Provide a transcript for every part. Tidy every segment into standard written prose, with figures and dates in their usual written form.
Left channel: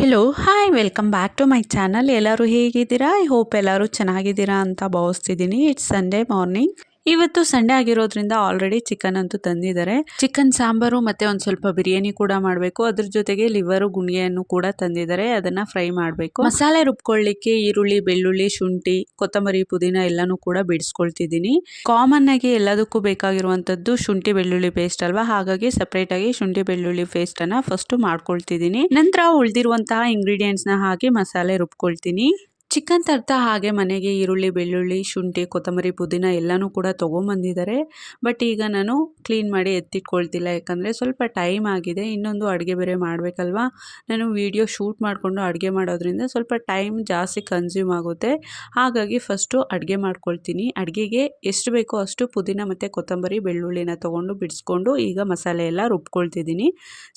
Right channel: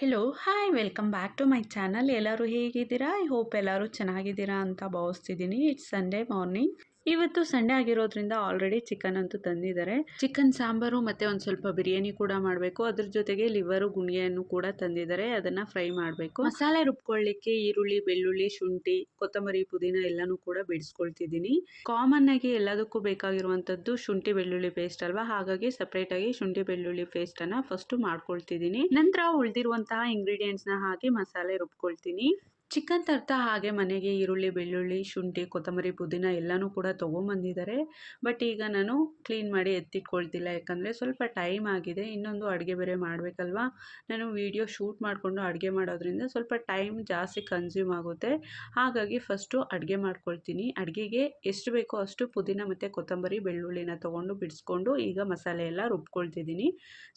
Hello hi welcome back to my channel. ಎಲ್ಲರೂ ಹೇಗಿದ್ದೀರಾ? I hope ಎಲ್ಲರೂ ಚೆನ್ನಾಗಿದ್ದೀರಾ ಅಂತ ಭಾವಿಸ್ತಿದ್ದೀನಿ. It's Sunday morning. ಇವತ್ತು ಸಂಡೇ ಆಗಿರೋದ್ರಿಂದ ಆಲ್ರೆಡಿ ಚಿಕನ್ ಅಂತೂ ತಂದಿದ್ದಾರೆ. ಚಿಕನ್ ಸಾಂಬಾರು ಮತ್ತು ಒಂದು ಸ್ವಲ್ಪ ಬಿರಿಯಾನಿ ಕೂಡ ಮಾಡಬೇಕು. ಅದ್ರ ಜೊತೆಗೆ ಲಿವರು ಗುಣಿಯನ್ನು ಕೂಡ ತಂದಿದ್ದಾರೆ. ಅದನ್ನು ಫ್ರೈ ಮಾಡಬೇಕು. ಮಸಾಲೆ ರುಬ್ಕೊಳ್ಳಿಕ್ಕೆ ಈರುಳ್ಳಿ, ಬೆಳ್ಳುಳ್ಳಿ, ಶುಂಠಿ, ಕೊತ್ತಂಬರಿ, ಪುದೀನ ಎಲ್ಲನೂ ಕೂಡ ಬಿಡಿಸ್ಕೊಳ್ತಿದ್ದೀನಿ. ಕಾಮನ್ ಆಗಿ ಎಲ್ಲದಕ್ಕೂ ಬೇಕಾಗಿರುವಂಥದ್ದು ಶುಂಠಿ ಬೆಳ್ಳುಳ್ಳಿ ಪೇಸ್ಟ್ ಅಲ್ವಾ, ಹಾಗಾಗಿ ಸಪ್ರೇಟಾಗಿ ಶುಂಠಿ ಬೆಳ್ಳುಳ್ಳಿ ಪೇಸ್ಟನ್ನು ಫಸ್ಟು ಮಾಡ್ಕೊಳ್ತಿದ್ದೀನಿ. ನಂತರ ಉಳಿದಿರುವಂತಹ ಇಂಗ್ರೀಡಿಯೆಂಟ್ಸ್ನ ಹಾಕಿ ಮಸಾಲೆ ರುಬ್ಕೊಳ್ತೀನಿ. ಚಿಕನ್ ತರ್ತಾ ಹಾಗೆ ಮನೆಗೆ ಈರುಳ್ಳಿ, ಬೆಳ್ಳುಳ್ಳಿ, ಶುಂಠಿ, ಕೊತ್ತಂಬರಿ, ಪುದೀನ ಎಲ್ಲನೂ ಕೂಡ ತೊಗೊಂಬಂದಿದ್ದಾರೆ. ಬಟ್ ಈಗ ನಾನು ಕ್ಲೀನ್ ಮಾಡಿ ಎತ್ತಿಟ್ಕೊಳ್ತಿಲ್ಲ, ಯಾಕಂದರೆ ಸ್ವಲ್ಪ ಟೈಮ್ ಆಗಿದೆ. ಇನ್ನೊಂದು ಅಡುಗೆ ಬೇರೆ ಮಾಡಬೇಕಲ್ವಾ. ನಾನು ವಿಡಿಯೋ ಶೂಟ್ ಮಾಡಿಕೊಂಡು ಅಡುಗೆ ಮಾಡೋದ್ರಿಂದ ಸ್ವಲ್ಪ ಟೈಮ್ ಜಾಸ್ತಿ ಕನ್ಸ್ಯೂಮ್ ಆಗುತ್ತೆ. ಹಾಗಾಗಿ ಫಸ್ಟು ಅಡುಗೆ ಮಾಡ್ಕೊಳ್ತೀನಿ. ಅಡುಗೆಗೆ ಎಷ್ಟು ಬೇಕೋ ಅಷ್ಟು ಪುದೀನ ಮತ್ತು ಕೊತ್ತಂಬರಿ, ಬೆಳ್ಳುಳ್ಳಿನ ತೊಗೊಂಡು ಬಿಡಿಸ್ಕೊಂಡು ಈಗ ಮಸಾಲೆ ಎಲ್ಲ ರುಬ್ಕೊಳ್ತಿದ್ದೀನಿ.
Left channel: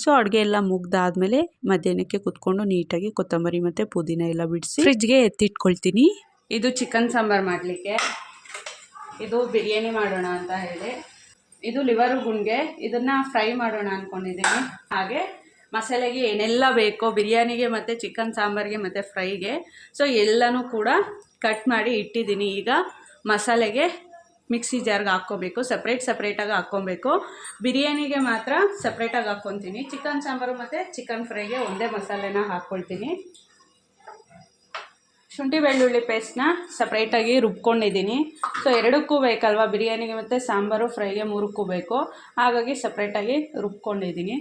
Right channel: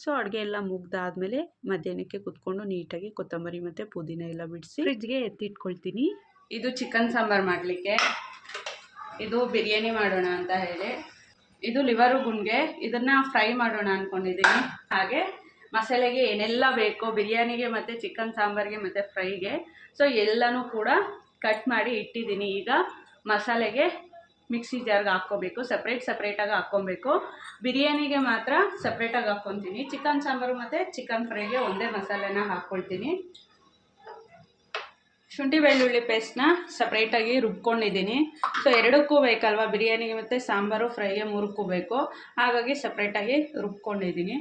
ಸೊ ಅಡುಗೆ ಎಲ್ಲ ಮುಗ್ದಾದ್ಮೇಲೆ ಮಧ್ಯಾಹ್ನಕ್ಕೆ ಕುತ್ಕೊಂಡು ನೀಟಾಗಿ ಕೊತ್ತಂಬರಿ ಮತ್ತು ಪುದೀನ ಎಲ್ಲ ಬಿಡಿಸಿ ಫ್ರಿಜ್ಗೆ ಎತ್ತಿಟ್ಕೊಳ್ತೀನಿ. ಇದು ಚಿಕನ್ ಸಾಂಬಾರು ಮಾಡಲಿಕ್ಕೆ, ಇದು ಬಿರಿಯಾನಿ ಮಾಡೋಣ ಅಂತ ಹೇಳಿ, ಇದು ಲಿವರು ಗುಂಡ್ಗೆ, ಇದನ್ನು ಫ್ರೈ ಮಾಡೋಣ ಅಂದ್ಕೊಂಡಿದ್ದೀನಿ. ಹಾಗೆ ಮಸಾಲೆಗೆ ಏನೆಲ್ಲ ಬೇಕೋ ಬಿರಿಯಾನಿಗೆ ಮತ್ತು ಚಿಕನ್ ಸಾಂಬಾರಿಗೆ ಮತ್ತು ಫ್ರೈಗೆ, ಸೊ ಎಲ್ಲನೂ ಕೂಡ ಕಟ್ ಮಾಡಿ ಇಟ್ಟಿದ್ದೀನಿ. ಈಗ ಮಸಾಲೆಗೆ ಮಿಕ್ಸಿ ಜಾರ್ಗೆ ಹಾಕ್ಕೋಬೇಕು, ಸಪ್ರೇಟಾಗಿ ಹಾಕ್ಕೊಬೇಕು. ಬಿರಿಯಾನಿಗೆ ಮಾತ್ರ ಸಪ್ರೇಟಾಗಿ ಹಾಕ್ಕೊತೀನಿ. ಚಿಕನ್ ಸಾಂಬಾರು ಮತ್ತು ಚಿಕನ್ ಫ್ರೈಗೆ ಒಂದೇ ಮಸಾಲೆನ ಹಾಕ್ಕೊಳ್ತೀನಿ. ಶುಂಠಿ ಬೆಳ್ಳುಳ್ಳಿ ಪೇಸ್ಟ್ನ ಸಪ್ರೇಟಾಗಿ ರುಬ್ಕೊಂಡಿದ್ದೀನಿ. ಸೊ ಎರಡಕ್ಕೂ ಬೇಕಲ್ವ, ಬಿರಿಯಾನಿಗೆ ಮತ್ತು ಸಾಂಬಾರು ಫ್ರೈಗೆ ಮೂರಕ್ಕೂ ಬೇಕು, ಹಾಗಾಗಿ ಸಪ್ರೇಟಾಗಿ ರುಬ್ಕೊಂಡಿದ್ದೀನಿ.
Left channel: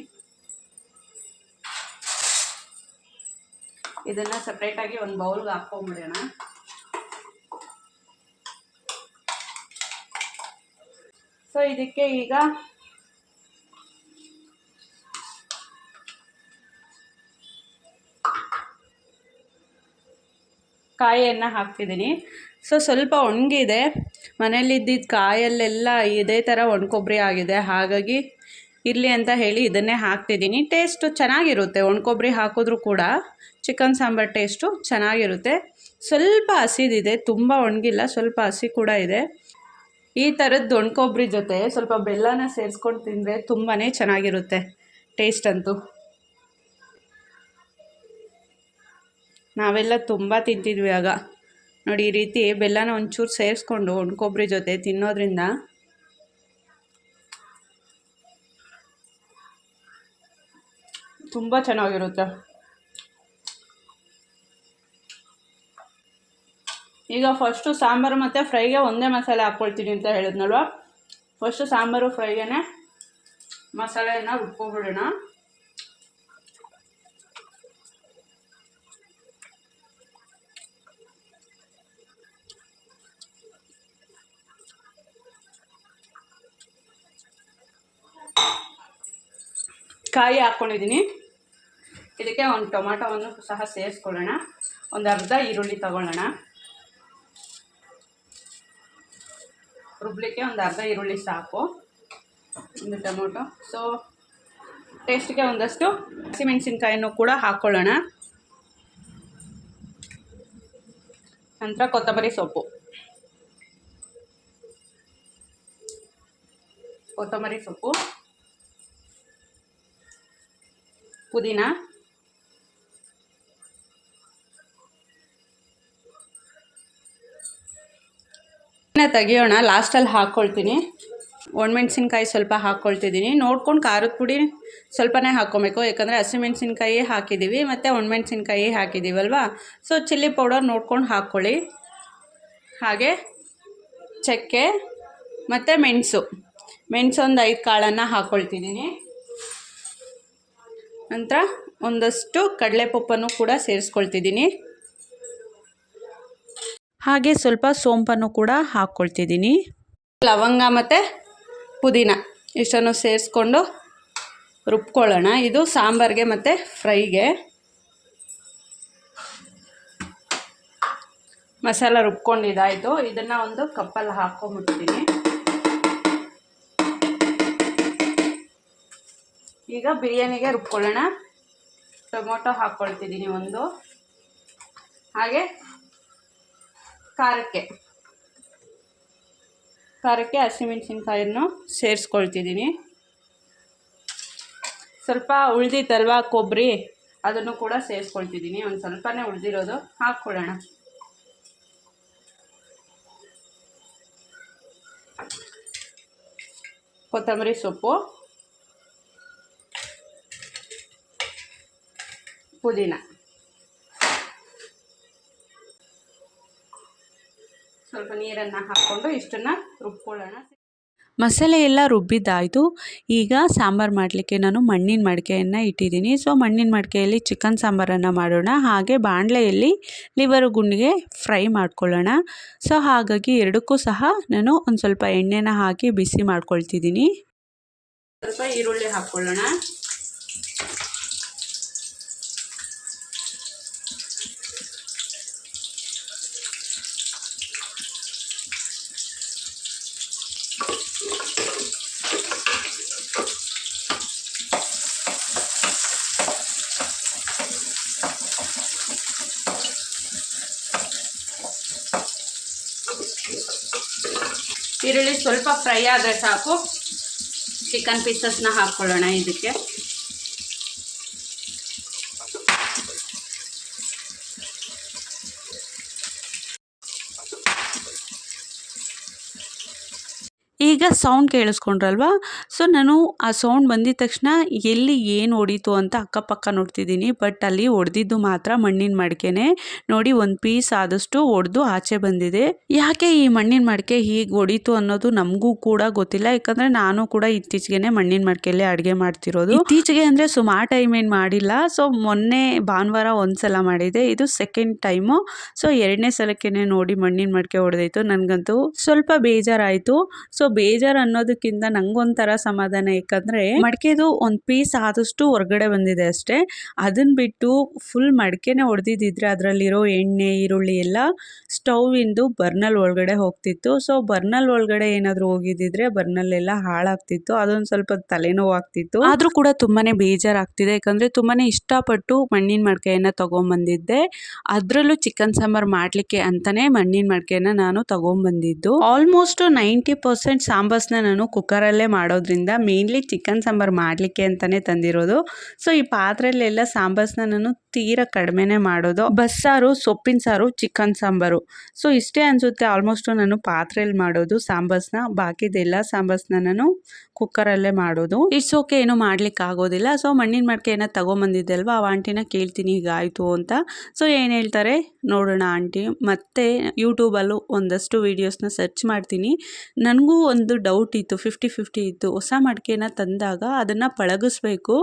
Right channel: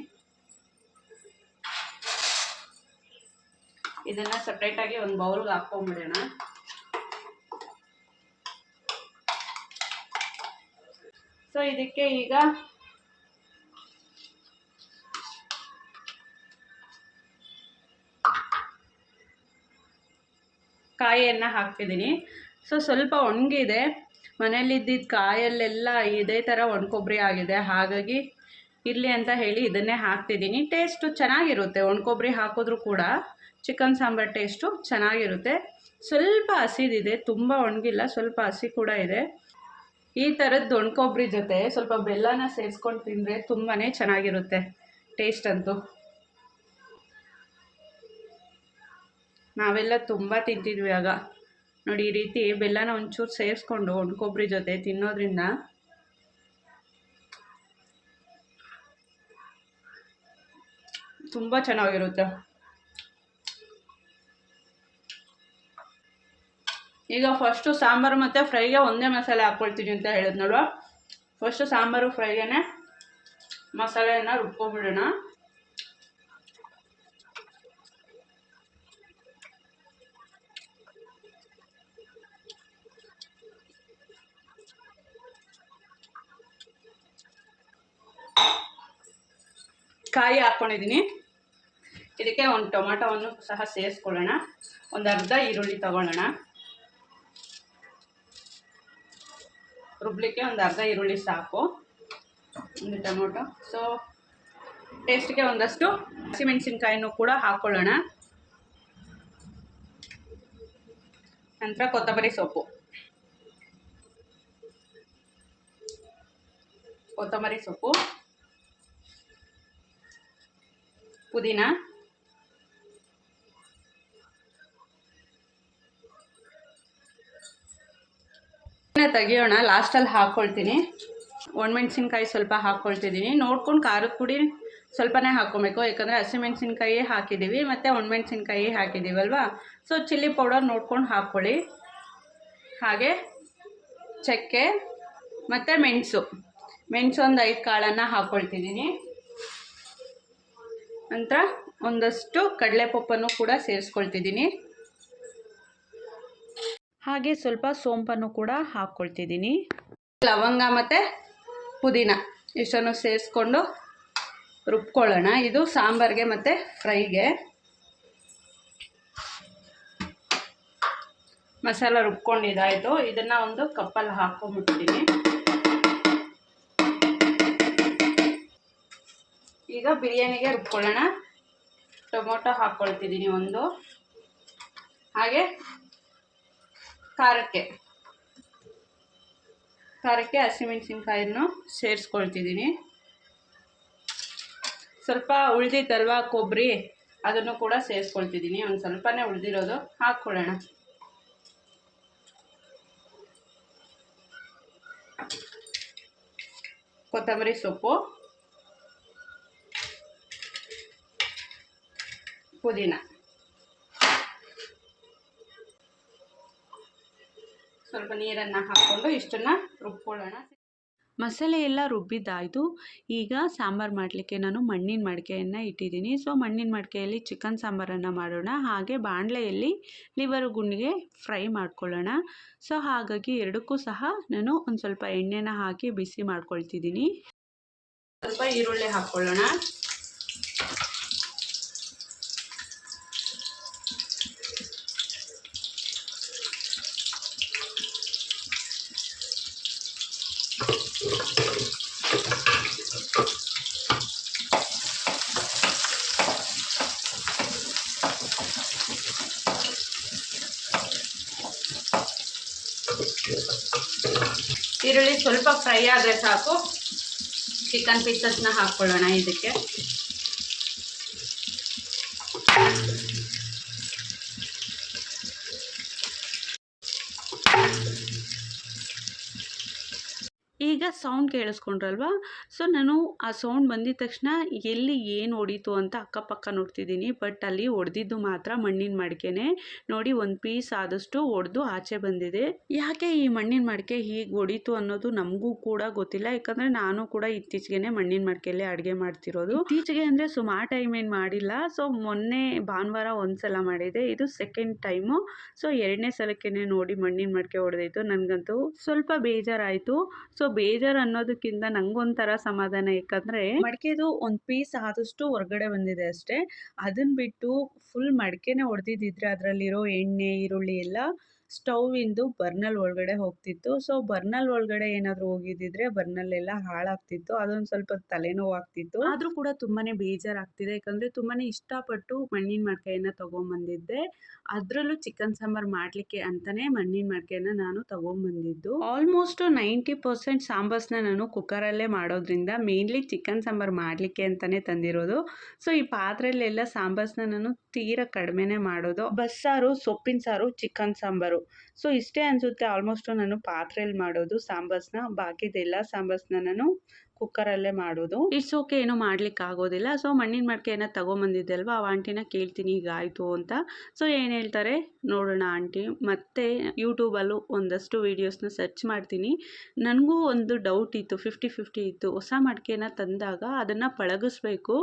ಇದನ್ನು ಸಪ್ರೇಟಾಗಿ ಒಂದು ಬೌಲ್ಗೆ ಹಾಕ್ಕೊಂಬಿಡೋಣ. ಸೊ ಇದಕ್ಕೆ ಈಗ ಕಾಯಿಯನ್ನು ಹಾಕ್ತಿದ್ದೀನಿ. ಸೊ ಸ್ವಲ್ಪ ಒಣಗಿದೆ, ಮನೇಲಿದ್ದಿದ್ದ ಕಾಯಲ್ಲೆಲ್ಲ ಇದೇ ಥರ ಒಣಕೊಬ್ಬರಿ ಆಗಿದೆ, ಹಾಗಾಗಿ ಇರಲಿ ಅಂತ ಹೇಳಿ ಇದನ್ನೇ ಹಾಕ್ತಿದ್ದೀನಿ. ಟೇಸ್ಟು ಚೆನ್ನಾಗಿರುತ್ತೆ, ಒಣಕೊಬ್ಬರಿ ಹಾಕಿದ್ರೂ ಕೂಡ ಚಿಕನ್ ಸಾಂಬಾರು ಟೇಸ್ಟು ಚೆನ್ನಾಗಿರುತ್ತೆ. ಸ್ವಲ್ಪ ಹಸಿದಿದೆ, ತುಂಬ ಒಣಗಿಲ್ಲ, ಸ್ವಲ್ಪ ಹಸಿ ಕೂಡ ಇದೆ. ಈ ಥರದ್ದು ಒಣಕೊಬ್ಬರಿ ಜೊತೆ ಸ್ವಲ್ಪ ಬೆಲ್ಲನ ಸೇರಿಸ್ಕೊಂಡು ತಿಂದರೆ ತುಂಬಾ ಚೆನ್ನಾಗಿರುತ್ತೆ ಟೇಸ್ಟ್ ಅಂತೂ. ನಾವೆಲ್ಲ ತುಂಬ ತಿಂತಿದ್ವಿ ಆಗ ನೋಡಿ. ಈ ರೀತಿ ಬೆಲ್ಲನ ಒಂಚೂರು ಸೇರಿಸ್ಕೊಂಡು ಒಣಕೊಬ್ಬರಿ ಜೊತೆ ತಿನ್ನೋದ್ರಿಂದ ತುಂಬ ಚೆನ್ನಾಗಿರುತ್ತೆ. ಈಗ ಫಸ್ಟು ಸಾಂಬಾರು ಮತ್ತು ಫ್ರೈಗೆ ಒಂದೇ ಮಸಾಲೆ ಹಾಕ್ಕೊಳ್ತೀನಿ ಅಂತ ಹೇಳಿದ್ನಲ್ವ, ಫಸ್ಟು ಸಾಂಬಾರು ಫ್ರೈಗೆ ಮಸಾಲೆಯನ್ನು ರುಬ್ಕೊಬಿಡೋಣ. ಕಾಯಿ ಹಾಕ್ಕೊಂಡಿದ್ದೀನಿ. ಇದಕ್ಕೆ ಒಂದು ಟೊಮಾಟೋವನ್ನು ಸಹ ಸೇರಿಸ್ಕೊಳ್ಳೋಣ. ಒಂದು ಅರ್ಧ ಈರುಳ್ಳಿ ತಗೊಳ್ಳೋಣ. ರುಬ್ಲಿಕ್ಕೆ ಒಂದು ಅರ್ಧ ಈರುಳ್ಳಿ ಸಾಕು, ಒಂದು ಟೊಮೊಟೊ. ಸೊ ಟೇಸ್ಟಿಗೆ ಒಂದಷ್ಟು ಹಸಿಮೆಣಸಿನ್ಕಾಯನ್ನು ಕೂಡ ಹಾಕ್ಕೊಳ್ಳೋಣ. ನಂತರ ಕೊತ್ತಂಬರಿ ಸೊಪ್ಪು, ಪುದೀನ, ತೆಗಿಯೋಣ, ಲಾಸ್ಟಲ್ಲಿ ಹಾಕ್ಕೊಳ್ತೀನಿ. ಒಣಮೆಣ್ಸಿನ್ಕಾಯಿ ಸ್ವಲ್ಪ ಹಾಕ್ಕೊಳ್ತಿದ್ದೀನಿ. ನೋಡ್ಕೊಂಡು ಖಾರದ ಪುಡಿ ಸ್ವಲ್ಪನೇ ಹಾಕ್ಕೊಬೇಕು, ಯಾಕಂದರೆ ಹಸಿಮೆಣ್ಸಿನ್ಕಾಯಿ ಹಾಕಿದ್ದೀವಿ ಮತ್ತು ಒಣಮೆಣ್ಸಿನ್ಕಾಯಿ ಹಾಕಿದ್ದೀವಲ್ವ. ಸೊ ಚಿಲ್ಲಿ ಪೌಡರ್ ನೋಡ್ಕೊಂಡು ಹಾಕ್ಕೊಳ್ಳಿ. ಹಾಗೆ ಚಕ್ಕೆ ಮತ್ತು ಮೆಣಸು ಒಂದು 5 ಕಾಳನ್ನು ಹಾಕ್ಕೊಳ್ತಿದ್ದೀನಿ. ನಂತರ ಒಂದಷ್ಟು ಕಡಲೆಪಪ್ಪನ್ನು ಕೂಡ ಸೇರಿಸ್ಕೊಳ್ತಿದ್ದೀನಿ. ಹಾಗೆ ಸ್ವಲ್ಪ ಸೋಂಪನ್ನು ಕೂಡ ಹಾಕ್ಕೊಳ್ತಿದ್ದೀನಿ. ಲವಂಗ ಮತ್ತು ಪುದೀನ ಇಷ್ಟನ್ನು ಸೇರಿಸ್ಕೊಂಡು ರುಬ್ಕೊಳ್ಳೋಣ. ಇದು ಸಾಂಬಾರಿಗೆ ಮತ್ತು ಫ್ರೈಗೆ. ಮಸಾಲ ರುಬ್ಕೊಂಡಿದ್ದಾಯಿತು. ಇದನ್ನು ಒಂದು ಕಪ್ಪಲ್ಲಿ ಹಾಕ್ಕೊಂಬಿಡ್ತೀನಿ. ಈಗ ಬಿರಿಯಾನಿಗೆ ರುಬ್ಕೊಳ್ಳೋಣ. ಟೊಮೊಟೊ ಹಾಕ್ಕೊಳ್ತಿದ್ದೀನಿ ಒಂದು, ಹಾಗೆ ಖಾರಕ್ಕೆ ಹಸಿಮೆಣಸಿನ್ಕಾಯನ್ನು ಸೇರಿಸ್ಕೊಳ್ತಿದ್ದೀನಿ. ಸ್ವಲ್ಪ ಉಳಿದಿತ್ತಲ್ವ ಕೊಬ್ಬರಿ, ಅದನ್ನು ಕೂಡ ಸೇರಿಸ್ಕೊಳ್ತಿದ್ದೀನಿ. ಒಂದು ಸ್ವಲ್ಪನೇ ಉಳಿದಿರೋದು ಹಾಕ್ಕೊಳ್ಳೋಣ. ಕೊತ್ತಂಬರಿ ಸೊಪ್ಪು, ಪುದೀನ, ಸ್ವಲ್ಪ ನೀರನ್ನು ಹಾಕ್ಕೊಂಡು ಇಷ್ಟನ್ನು ರುಬ್ಕೊಳ್ಳೋಣ. ಮಸಾಲೆ ಎಲ್ಲ ರುಬ್ಬಿದ್ದಾಯಿತು. ಈಗ ಸಾಂಬಾರು ಮಾಡಲಿಕ್ಕೆ ನಾನು ಮಣ್ಣಿನ ಮಡಿಕೆಯನ್ನು ಇಟ್ಟಿದ್ದೀನಿ. ಸೊ ಮಣ್ಣಿನ ಮಡಿಕೆಯಲ್ಲಿ ಚಿಕನ್ ಸಾಂಬಾರನ್ನು ಮಾಡೋಣ. ಹಾಗೆ ಬಾಣಲೆಯಲ್ಲಿ ಲಿವರ್ ಗುಂಡಿಗೆ ಫ್ರೈ ಮಾಡ್ಕೊಳ್ಳೋಣ. ಸೊ ಹಾಗಾಗಿ ಎರಡಕ್ಕೂ ಸಹ ನಾನು ಒಂದು ಸ್ವಲ್ಪ ಎಣ್ಣೆನ ಹಾಕಿ ಬಿಸಿ ಮಾಡ್ಕೊಳ್ತಿದ್ದೀನಿ. ಸ್ವಲ್ಪ ಈರುಳ್ಳಿ ಹಾಕ್ಕೊಳ್ಳೋಣ. ಈರುಳ್ಳಿ ಸ್ವಲ್ಪ ಫ್ರೈ ಆದರೆ ಸಾಕು. ಚಿಕನ್ ಪೀಸಸ್ನ ಹಾಕ್ಕೊಳ್ಳೋಣ ಇದಕ್ಕೆ. ಈಗ ಸೌಂಡ್ ಕೇಳಿಸ್ಕೊಂಡ್ರಲ್ವ. ಸೊ ನಾನು ಆ ಸೌಂಡ್ ಬಂದಿದ ತಕ್ಷಣ ಎಲ್ಲಿ ಏನು ಹೊಡೀತು ಅಂತ ಅಕ್ಕಪಕ್ಕ ನೋಡ್ತಿದ್ದೀನಿ. ಬಟ್ ಅಲ್ಲಿ ಹೊಡೆದಿದ್ದು ಮಾತ್ರ ಮಣ್ಣಿನ ಮಡಿಕೆನೇ. ನೋಡಿ, ಒಂದು ಪೀಸ್ ಆದಷ್ಟು ಹೊಡೆದು ಆಚೆ ಬಂದಿದೆ. ಯಾಕೆ ಈ ಮಣ್ಣಿನ ಮಡಿಕೆ ಹೀಗೆ ಹೊಡೀತು ಅನ್ನೋದು ನಮಗೂ ಕೂಡ ಗೊತ್ತಿಲ್ಲ. ಯಾಕಂದರೆ ನಾನು ಕೂಡ ಇತ್ತೀಚೆಗೆ ಮಣ್ಣಿನ ಮಡಿಕೆಯಲ್ಲೇ ಅಡುಗೆ ಮಾಡ್ತಿರೋದು. ಇತ್ತೀಚೆಗೆ ಅಂದರೆ ಸುಮಾರು ಟೈಮ್ ಏನು ಮಾಡಿಲ್ಲ. ಸೊ ಮೊನ್ನೆ ಭಾನುವಾರ ಒಂದು ಸಲ ಮಾಡಿದೆ, ಇದು ಸೆಕೆಂಡ್ ಟೈಮು. ಸೊ ಎರಡನೇ ಸಲಕ್ಕೆ ನೋಡಿ ಮಣ್ಣಿನ ಮಡಿಕೆ ಹೊಡೆದೈತು. ನನಗಂತೂ ಸ್ವಲ್ಪ ಬೇಜಾರಾಯಿತು. ಸೊ ಬೇಜಾರು ಅನ್ನೋದಕ್ಕಿಂತ ನಂಗೊಂಥರ ಸಮಾಧಾನ. ಯಾಕಂದರೆ ಮಡಿಕೆದು ಒಂದು ಪೀಸ್ ಆದಷ್ಟು ಹೊರಗಡೆ ಬಂದಿದೆ ಅಷ್ಟೇ. ಅದನ್ನು ಬಿಟ್ಟು ಫುಲ್ ಮಡಿಕೆನೇ ಹೊಡೆದಿದ್ದಿದ್ರೆ ಅದರಲ್ಲಿರೋ ಎಣ್ಣೆ, ಈರುಳ್ಳಿ ಎಲ್ಲ ಸ್ಟೌವಿಂದು ಬರ್ನಲ್ ಒಳಗಡೆ ಹೋಗ್ತಿತ್ತು. ಸೊ ಬರ್ನಲ್ ಒಳಗಡೆ ಏನಾದರೂ ಹೋಗಿದ್ದಿದ್ರೆ ಬರ್ನಲ್ಲೆಲ್ಲ ಹಾಳಾಗ್ತಿತ್ತು. ಅದೊಂದು ಸ್ವಲ್ಪ ತಲೆನೋವು ಆಗ್ತಿತ್ತು. ಆದರೂ ಕೂಡ ತುಂಬಾ ಬೇಜಾರಾಗ್ತಿದೆ. ಯಾಕಂದರೆ ತುಂಬಾ ಇಷ್ಟಪಟ್ಟು ಮಣ್ಣಿನ ಮಡಿಕೆಯನ್ನು ತೊಗೊಂಬಂದಿದ್ದೆ. ಅದರಲ್ಲೂ ಚಿಕನ್ ಸಾಂಬಾರು ಮಾಡಲಿಕ್ಕೆ ಅಂತಲೇ ಮಣ್ಣಿನ ಮಡಿಕೆಯನ್ನು ನಾನು ತೊಗೊಂಬಂದಿದ್ದು. ಆಲ್ಮೋಸ್ಟ್ 90% ಸಾಂಬಾರ್ಸ್ನ ನಾನು ಕುಕ್ಕರಲ್ಲೇ ಮಾಡೋದ್ರಿಂದ ಮೇನ್ಲಿ ಚಿಕನ್ ಸಾಂಬಾರು ಮಾಡಲಿಕ್ಕೆ ಅಂತಲೇ ತಂದಿರೋದು. ಸೊ ಈ ಪಾತ್ರೆಯಲ್ಲೆಲ್ಲ ಸಾಂಬಾರ್ಸ್ನ ನಾನು ತೀರಾ ಕಡಿಮೆನೇ ಮಾಡೋದು. ಬಸ್ಸಾರು, ಸೊಪ್ಪಿನ ಸಾರು, ಚಿಕನ್ ಸಾಂಬಾರು, ಸೊ ಇಷ್ಟೇ ಅನಿಸುತ್ತೆ ಆಲ್ಮೋಸ್ಟು ನಾನು ಪಾತ್ರೆಯಲ್ಲಿ ಮಾಡೋದು ಸಾಂಬಾರ್ಸ್ನ. ಬಾಕಿದೆಲ್ಲ ಸಾಂಬಾರ್ಸ್ನ ನಾನು ಕುಕ್ಕರಲ್ಲೇ ಮಾಡೋದು. ಇಟ್ಸ್ ಓಕೆ, ಏನೂ ಮಾಡ್ಲಿಕ್ಕೆ ಆಗೋದಿಲ್ಲ. ಸೊ ಮಣ್ಣಿನ ಮಡಿಕೆಯನ್ನು ತೊಗೊಂಬಂದಿದ್ದೆ ಅಲ್ವಾ, ಆ ಆಂಟಿನ ಕೇಳ್ತೀನಿ ಹೀಗಾಯಿತು ಅಂತ. ಸೊ ಏನು ಹೇಳ್ತಾರೆ ನೋಡೋಣ ಆಂಟಿ. ಮತ್ತು ಯೂಟ್ಯೂಬಲ್ಲೂ ಒಂದಷ್ಟು ವೀಡಿಯೋಸ್ನ ಸರ್ಚ್ ಮಾಡ್ತೀನಿ. ನನಗೂ ಒಂದು ಡೌಟ್ ಇತ್ತು, 50-50 ಇತ್ತು. ಹೊಸ ಮಡಿಕೆನ ತಂದಾಗ ಅದನ್ನು ಪಳಗಿಸ್ಬೇಕು.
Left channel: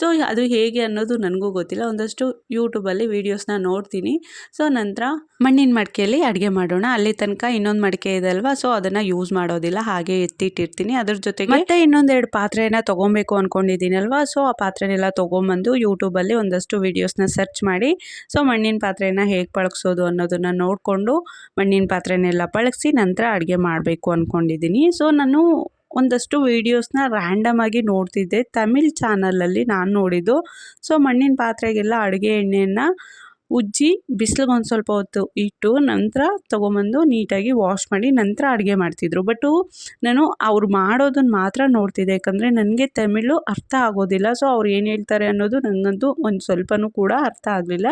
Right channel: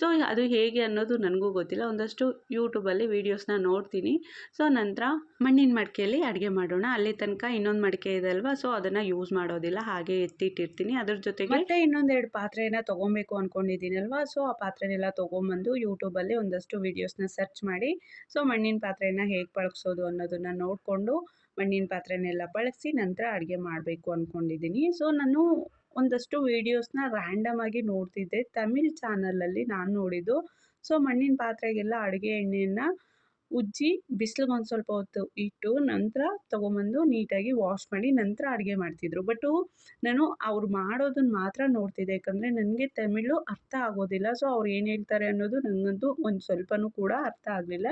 ಸೊ ಅದು ಹೇಗೆ ಅನ್ನೋದು ನನಗೂ ಗೊತ್ತಿಲ್ಲ. ಒಂದಷ್ಟು ಯೂಟ್ಯೂಬಲ್ಲಿ ವೀಡಿಯೋಸ್ನ ನೋಡ್ತೀನಿ. ಸೊ ನಂತರ ಮಣ್ಣಿನ ಮಡಿಕೆಯಲ್ಲಿ ಅಡುಗೆ ಮಾಡೋಣ. ಅಲ್ಲಿ ತನಕ ಇನ್ನೊಂದು ಮಡಿಕೆ ಇದೆ ಅಲ್ವಾ, ಸೊ ಅದನ್ನು ಯೂಸ್ ಮಾಡೋದಿಲ್ಲ, ಹಾಗೆ ಎತ್ತಿಟ್ಟಿರ್ತೀನಿ. ಅದ್ರ ಜೊತೆಗೆ ಮತ್ತೆ ಇನ್ನೊಂದೆರಡು ಪಾತ್ರೆನ ತೊಗೊಬೇಕು ಅಂದ್ಕೊಂಡಿದ್ದೀನಲ್ವಾ. ಸೊ ಆ ಪಾತ್ರೆನೆಲ್ಲ ತೊಗೊಂಬಂದು ಯೂಟ್ಯೂಬಲ್ಲಿ ಒಂದಷ್ಟು ವೀಡಿಯೋಸ್ನ ಸರ್ಚ್ ಮಾಡಿ ಸೊ ಮಣ್ಣಿನ ಪಾತ್ರೆನ ಹೇಗೆ ಪಳಗಿಸೋದು ಅನ್ನೋದನ್ನು ನೋಡಿಕೊಂಡು ಮಣ್ಣಿನ ಪಾತ್ರೆನೆಲ್ಲ ಪಳಗಿಸಿ ನಂತರ ಅಡುಗೆ ಮಾಡಬೇಕು ಅಂದ್ಕೊಂಡಿದ್ದೀನಿ. ಸೊ ನಾನು ಒಂದಷ್ಟು ವೀಡಿಯೋಸ್ನ ರ್ಯಾಂಡಮ್ ಆಗಿ ನೋಡ್ತಿದ್ದೆ. ತಮಿಳ್ ಚಾನಲಲ್ಲಿ ನಾನು ನೋಡಿದ್ದು. ಸೊ ಮಣ್ಣಿನ ಪಾತ್ರೆಗೆಲ್ಲ ಅಡುಗೆ ಎಣ್ಣೆಯನ್ನು ಉಜ್ಜಿ ಬಿಸಿಲಿಗೆ ಒಂದು ಸ್ವಲ್ಪ ಹೊತ್ತು ಇಟ್ಟು ನಂತರ ತೊಗೊಂಬಂದು ನೀಟಾಗಿ ವಾಶ್ ಮಾಡಿ ನಂತರ ಅಡುಗೆ ಮಾಡ್ತಿದ್ರು. ಬಟ್ಟು ನಾನು ಅವ್ರು ಮಾಡೋದನ್ನು ಮಾತ್ರ ನೋಡ್ತಿದ್ದೆ. ಯಾಕಂದರೆ ನನಗೆ ತಮಿಳು ಅರ್ಥ ಆಗೋದಿಲ್ಲ. ಸೊ ಅವ್ರು ಏನು ಹೇಳ್ತಾರೆ ಅನ್ನೋದು ನನಗಂತೂ ಒಂದು ಸ್ವಲ್ಪನೂ ಕೂಡ ಅರ್ಥ ಆಗಲಿಲ್ಲ.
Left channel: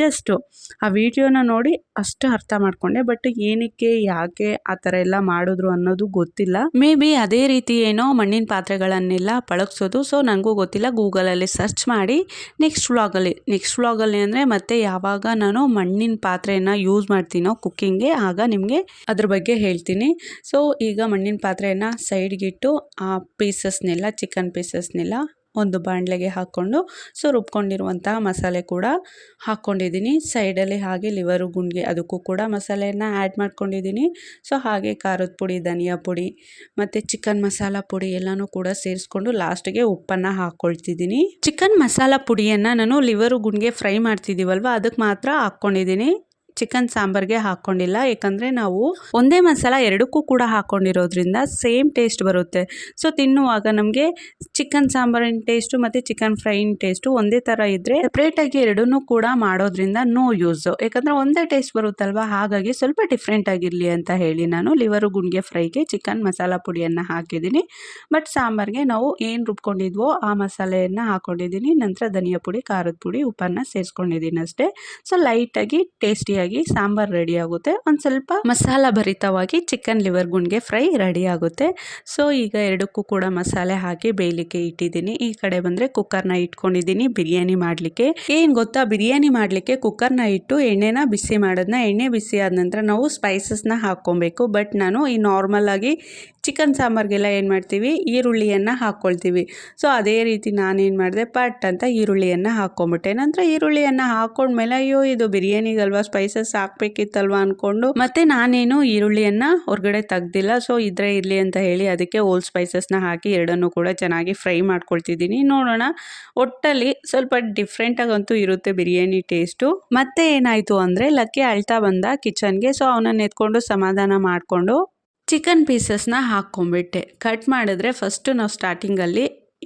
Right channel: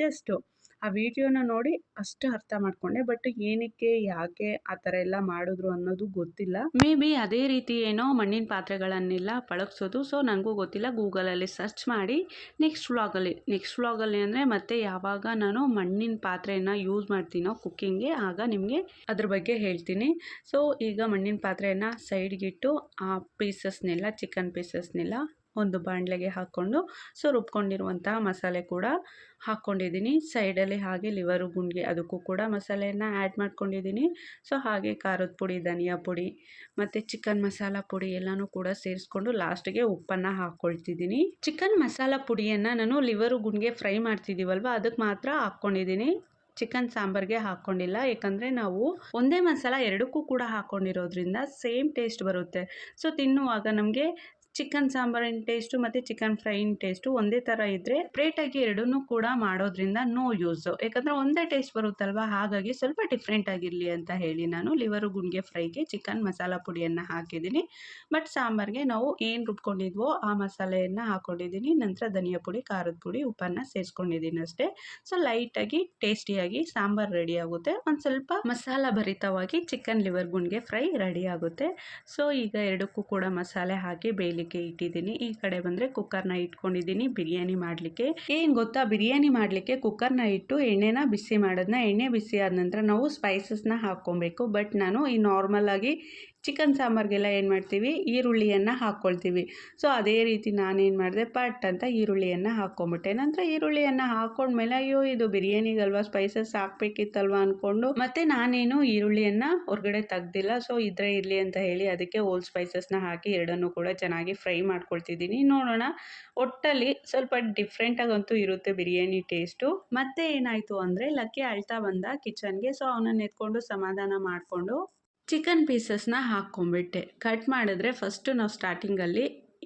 ಜಸ್ಟು ಆ ವಿಡಿಯೋನ ನೋಡಿ ಅಷ್ಟು ಅರ್ಥ ಮಾಡಿಕೊಂಡೆ. ಬಟ್ ಏನಕ್ಕೆ, ಯಾಕೆ ಆ ಥರ ಎಲ್ಲ ಮಾಡಿದ್ರು ಅನ್ನೋದು ಗೊತ್ತಿಲ್ಲ. ಮೇ ಬಿ ಅದೇ ರೀತಿ ಏನೋ ಮಣ್ಣಿನ ಪಾತ್ರೆಗಳನ್ನೆಲ್ಲ ಪಳಗಿಸೋದು. ಸೊ ನನಗೂ ಗೊತ್ತಿಲ್ಲ. ಗೂಗಲಲ್ಲಿ ಸರ್ಚ್ ಮಾಡಿ ನೆಕ್ಸ್ಟ್ ವ್ಲಾಗಲ್ಲಿ ಅಂದರೆ ಮತ್ತೆ ಯಾವಾಗ ನಾನು ಮಣ್ಣಿನ ಪಾತ್ರೆಯನ್ನು ಯೂಸ್ ಮಾಡ್ತೀನೋ ಕುಕ್ಕಿಂಗ್ಗೆ ಆಗ ನಿಮಗೆ ಅದ್ರ ಬಗ್ಗೆ ಹೇಳ್ತೀನಿ. ಸೊ ಈಗ ಮಣ್ಣಿನ ಪಾತ್ರೆಯನ್ನು ಸೈಡ್ಗಿಟ್ಟು ಆ ಪೀಸಸ್ನೆಲ್ಲ, ಚಿಕನ್ ಪೀಸಸ್ನೆಲ್ಲ ಒಂದು ಬಾಣಲೆಗೆ ಹಾಕ್ಕೊಂಡು ಸೊ ರುಬ್ಕೊಂಡಿರುವಂತಹ ಮಸಾಲೆ ಕೂಡ ಹಾಕ್ಕೊಂಡಿದ್ದೀನಿ. ಸೈಡಲ್ಲಿ ಹಾಗೆ ಲಿವರು ಗುಂಡಿಗೆ ಅದಕ್ಕೂ ಕೂಡ ಮಸಾಲೆಯನ್ನು ಆ್ಯಡ್ ಮಾಡ್ಕೊಂಡಿದ್ದೀನಿ. ಸೊ ಹಾಗೆ ಖಾರದ ಪುಡಿ, ಧನಿಯಾ ಪುಡಿ ಮತ್ತು ಚಿಕನ್ ಮಸಾಲ ಪುಡಿ ಎಲ್ಲನೂ ಕೂಡ ಸೇರಿಸ್ಕೊಂಡು ಲಾಸ್ಟಿಗೆ ಉಪ್ಪನ್ನು ಹಾಕ್ಕೊಳ್ತಿದ್ದೀನಿ. ಚಿಕನ್ ಮಸಾಲ ಪುಡಿಯನ್ನು ನಾನು ಲಿವರು ಗುಂಡಿಗೆ ಫ್ರೈ ಮಾಡ್ತಿದ್ದೀವಲ್ವ ಅದಕ್ಕೆ ಮಾತ್ರ ಹಾಕ್ಕೊಂಡಿದ್ದೀನಿ. ಚಿಕನ್ ಸಾಂಬಾರ್ಗೆ ಹಾಕ್ಕೊಂಡಿಲ್ಲ. ಯಾಕಂದರೆ ನಾವು ಒಂದೇ ಮಸಾಲ ಎರಡಕ್ಕೂ ಕೂಡ ಹಾಕ್ಕೊಂಡಿರೋದ್ರಿಂದ ಸೇಮ್ ಟೇಸ್ಟ್ ಬರುತ್ತೆ. ಸೊ ತಿನ್ನುವಾಗ ನಮಗೆ ಚಿಕನ್ ಸಾಂಬಾರಿನ ಟೇಸ್ಟು ಮತ್ತು ಚಿಕನ್ ಫ್ರೈನ ಟೇಸ್ಟು ಒಂದೇ ಥರ ಇದ್ದರೆ ಸಪ್ರೇಟಾಗಿ ಎರಡನ್ನೂ ಕೂಡ ಮಾಡೋದ್ರಿಂದ ನೋ ಯೂಸು. ಯಾಕಂದರೆ ಒಂದೇ ಟೇಸ್ಟ್ ಬರುತ್ತಲ್ವ, ಹಾಗಾಗಿ ಸ್ವಲ್ಪ ಡಿಫ್ರೆಂಟ್ ಆಗಿರಲಿ ಅಂತ ಹೇಳಿ ನಾನು ಲಿವರು ಗುಂಡಿಗೆ ಫ್ರೈಗೆ ಚಿಕನ್ ಮಸಾಲ ಪುಡಿಯನ್ನು ಹಾಕಿದ್ದೀನಿ. ಬಟ್ ಸಾಂಬಾರಿಗೆ ನಾವು ಏನು ರುಬ್ಕೊಂಡಿದ್ವೋ ಆ ಮಸಾಲೆಯನ್ನು ಹಾಕ್ಕೊಂಡಿದ್ದೀನಿ. ನಂತರ ಧನಿಯಾ ಪುಡಿ, ಖಾರದ ಪುಡಿ, ಉಪ್ಪನ್ನು ಸೇರಿಸ್ಕೊಂಡಿದ್ದೀನಿ ಅಷ್ಟೇ. ಸೊ ಲೈಟಾಗಿ ಟೇಸ್ಟಿಯಾಗಿ ಸಾಂಬಾರು ರೆಡಿ ಆಗುತ್ತೆ. ಒಂದು ಸ್ವಲ್ಪ ಮಸಾಲ ಭರಿತವಾಗಿ ಚಿಕನ್ ಲಿವರ್ ಗುಂಡಿಗೆ ಫ್ರೈ ರೆಡಿ ಆಗುತ್ತೆ. ಸೊ ಈಗ ಎರಡಕ್ಕೂ ಕೂಡ ಮಸಾಲೆ ಹಾಕಿ ಬೇಯಲಿಕ್ಕೆ ಇಟ್ಟಿದ್ದೀನಿ. ಈ ಕಡೆ ಬಂದರೆ ಕುಕ್ಕರ್ನ ಇಟ್ಕೊಂಡಿದ್ದೀನಿ ಬಿರಿಯಾನಿ ಮಾಡಲಿಕ್ಕೆ. ಏನು ಗೊತ್ತಾ, ಬಿರಿಯಾನಿ ಮಾಡಲಿಕ್ಕೆ ಕುಕ್ಕರ್ನ ಇಟ್ಟು ಎಣ್ಣೆನ ಬಿಸಿ ಮಾಡೋದನ್ನ, ಎಣ್ಣೆ ಬಿಸಿ ಆದ ನಂತರ ನಾವು ಸ್ಪೈಸಸ್ನ ಹಾಕ್ಕೊಬೇಕು. ಬಟ್ ನಾನು ಈ ನಾರ್ಮಲ್ ಆಗಿ ಚಿಕನ್ ಸಾಂಬಾರಿಗೆಲ್ಲ ಏನು ಮಾಡ್ತೀವಿ, ಈರುಳ್ಳಿಯನ್ನು ಹಾಕ್ಕೊಳ್ತೀವಿ. ಸೊ ಅದೇ ರೀತಿ ನಾನೇನು ಮಾಡಿದೆ, ಪಟ್ ಅಂತ ಈರುಳ್ಳಿಯನ್ನು ಹಾಕ್ಕೊಂಬಿಟ್ಟೆ. ನಂತರ ಈರುಳ್ಳಿಯನ್ನು ಹಾಕ್ಕೊಂಡ್ಮೇಲೆ ಅಯ್ಯೋ ಇದು ಬಿರಿಯಾನಿಗಲ್ವಾ, ಸ್ಪೈಸಸ್ ಹಾಕ್ಬೇಕಿತ್ತಲ್ವ ಅಂದ್ಕೊಂಡು ಮತ್ತೆ ನಾನೇನು ಈರುಳ್ಳಿಯನ್ನು ಹೊರಗಡೆ ತೆಗ್ದಿಲ್ಲ. ಸೊ ಇದ್ರೆ ಇರಲಿ ಅಂತ ಹೇಳಿ ಅದಕ್ಕೆ ಓಲ್ ಸ್ಪೈಸಸ್ನ ಹಾಕಿ ಎರಡನ್ನೂ ಕೂಡ ಚೆನ್ನಾಗಿ ಫ್ರೈ ಮಾಡ್ಕೊಳ್ತಿದ್ದೀನಿ. ನೋಡೋಣ, ಒಟ್ಟಲ್ಲಿ ಸ್ವಲ್ಪ ಡಿಫ್ರೆಂಟಾಗಂತೂ ಇರುತ್ತೆ ಬಿರಿಯಾನಿ ಟೇಸ್ಟು. ಮತ್ತೆ ಏನಾಯಿತು ಅಂದರೆ ಲಕ್ಕಿ ಅಳ್ತಾ ಬಂದ ಕಿಚನ್ಗೆ. ಸೊ ಅವನನ್ನು ಎತ್ಕೊಂಡು ಸಮಾಧಾನ ಮಾಡಿಕೊಂಡು ಚಿಕನ್ ಪೀಸಸ್ನ ಹಾಕ್ಕೊಂಬಿಟ್ಟೆ. ಕಟ್ ಮಾಡಿದ್ರೆ ಫಸ್ಟು ನಾವು ಸ್ಟಾರ್ಟಿಂಗಲ್ಲಿ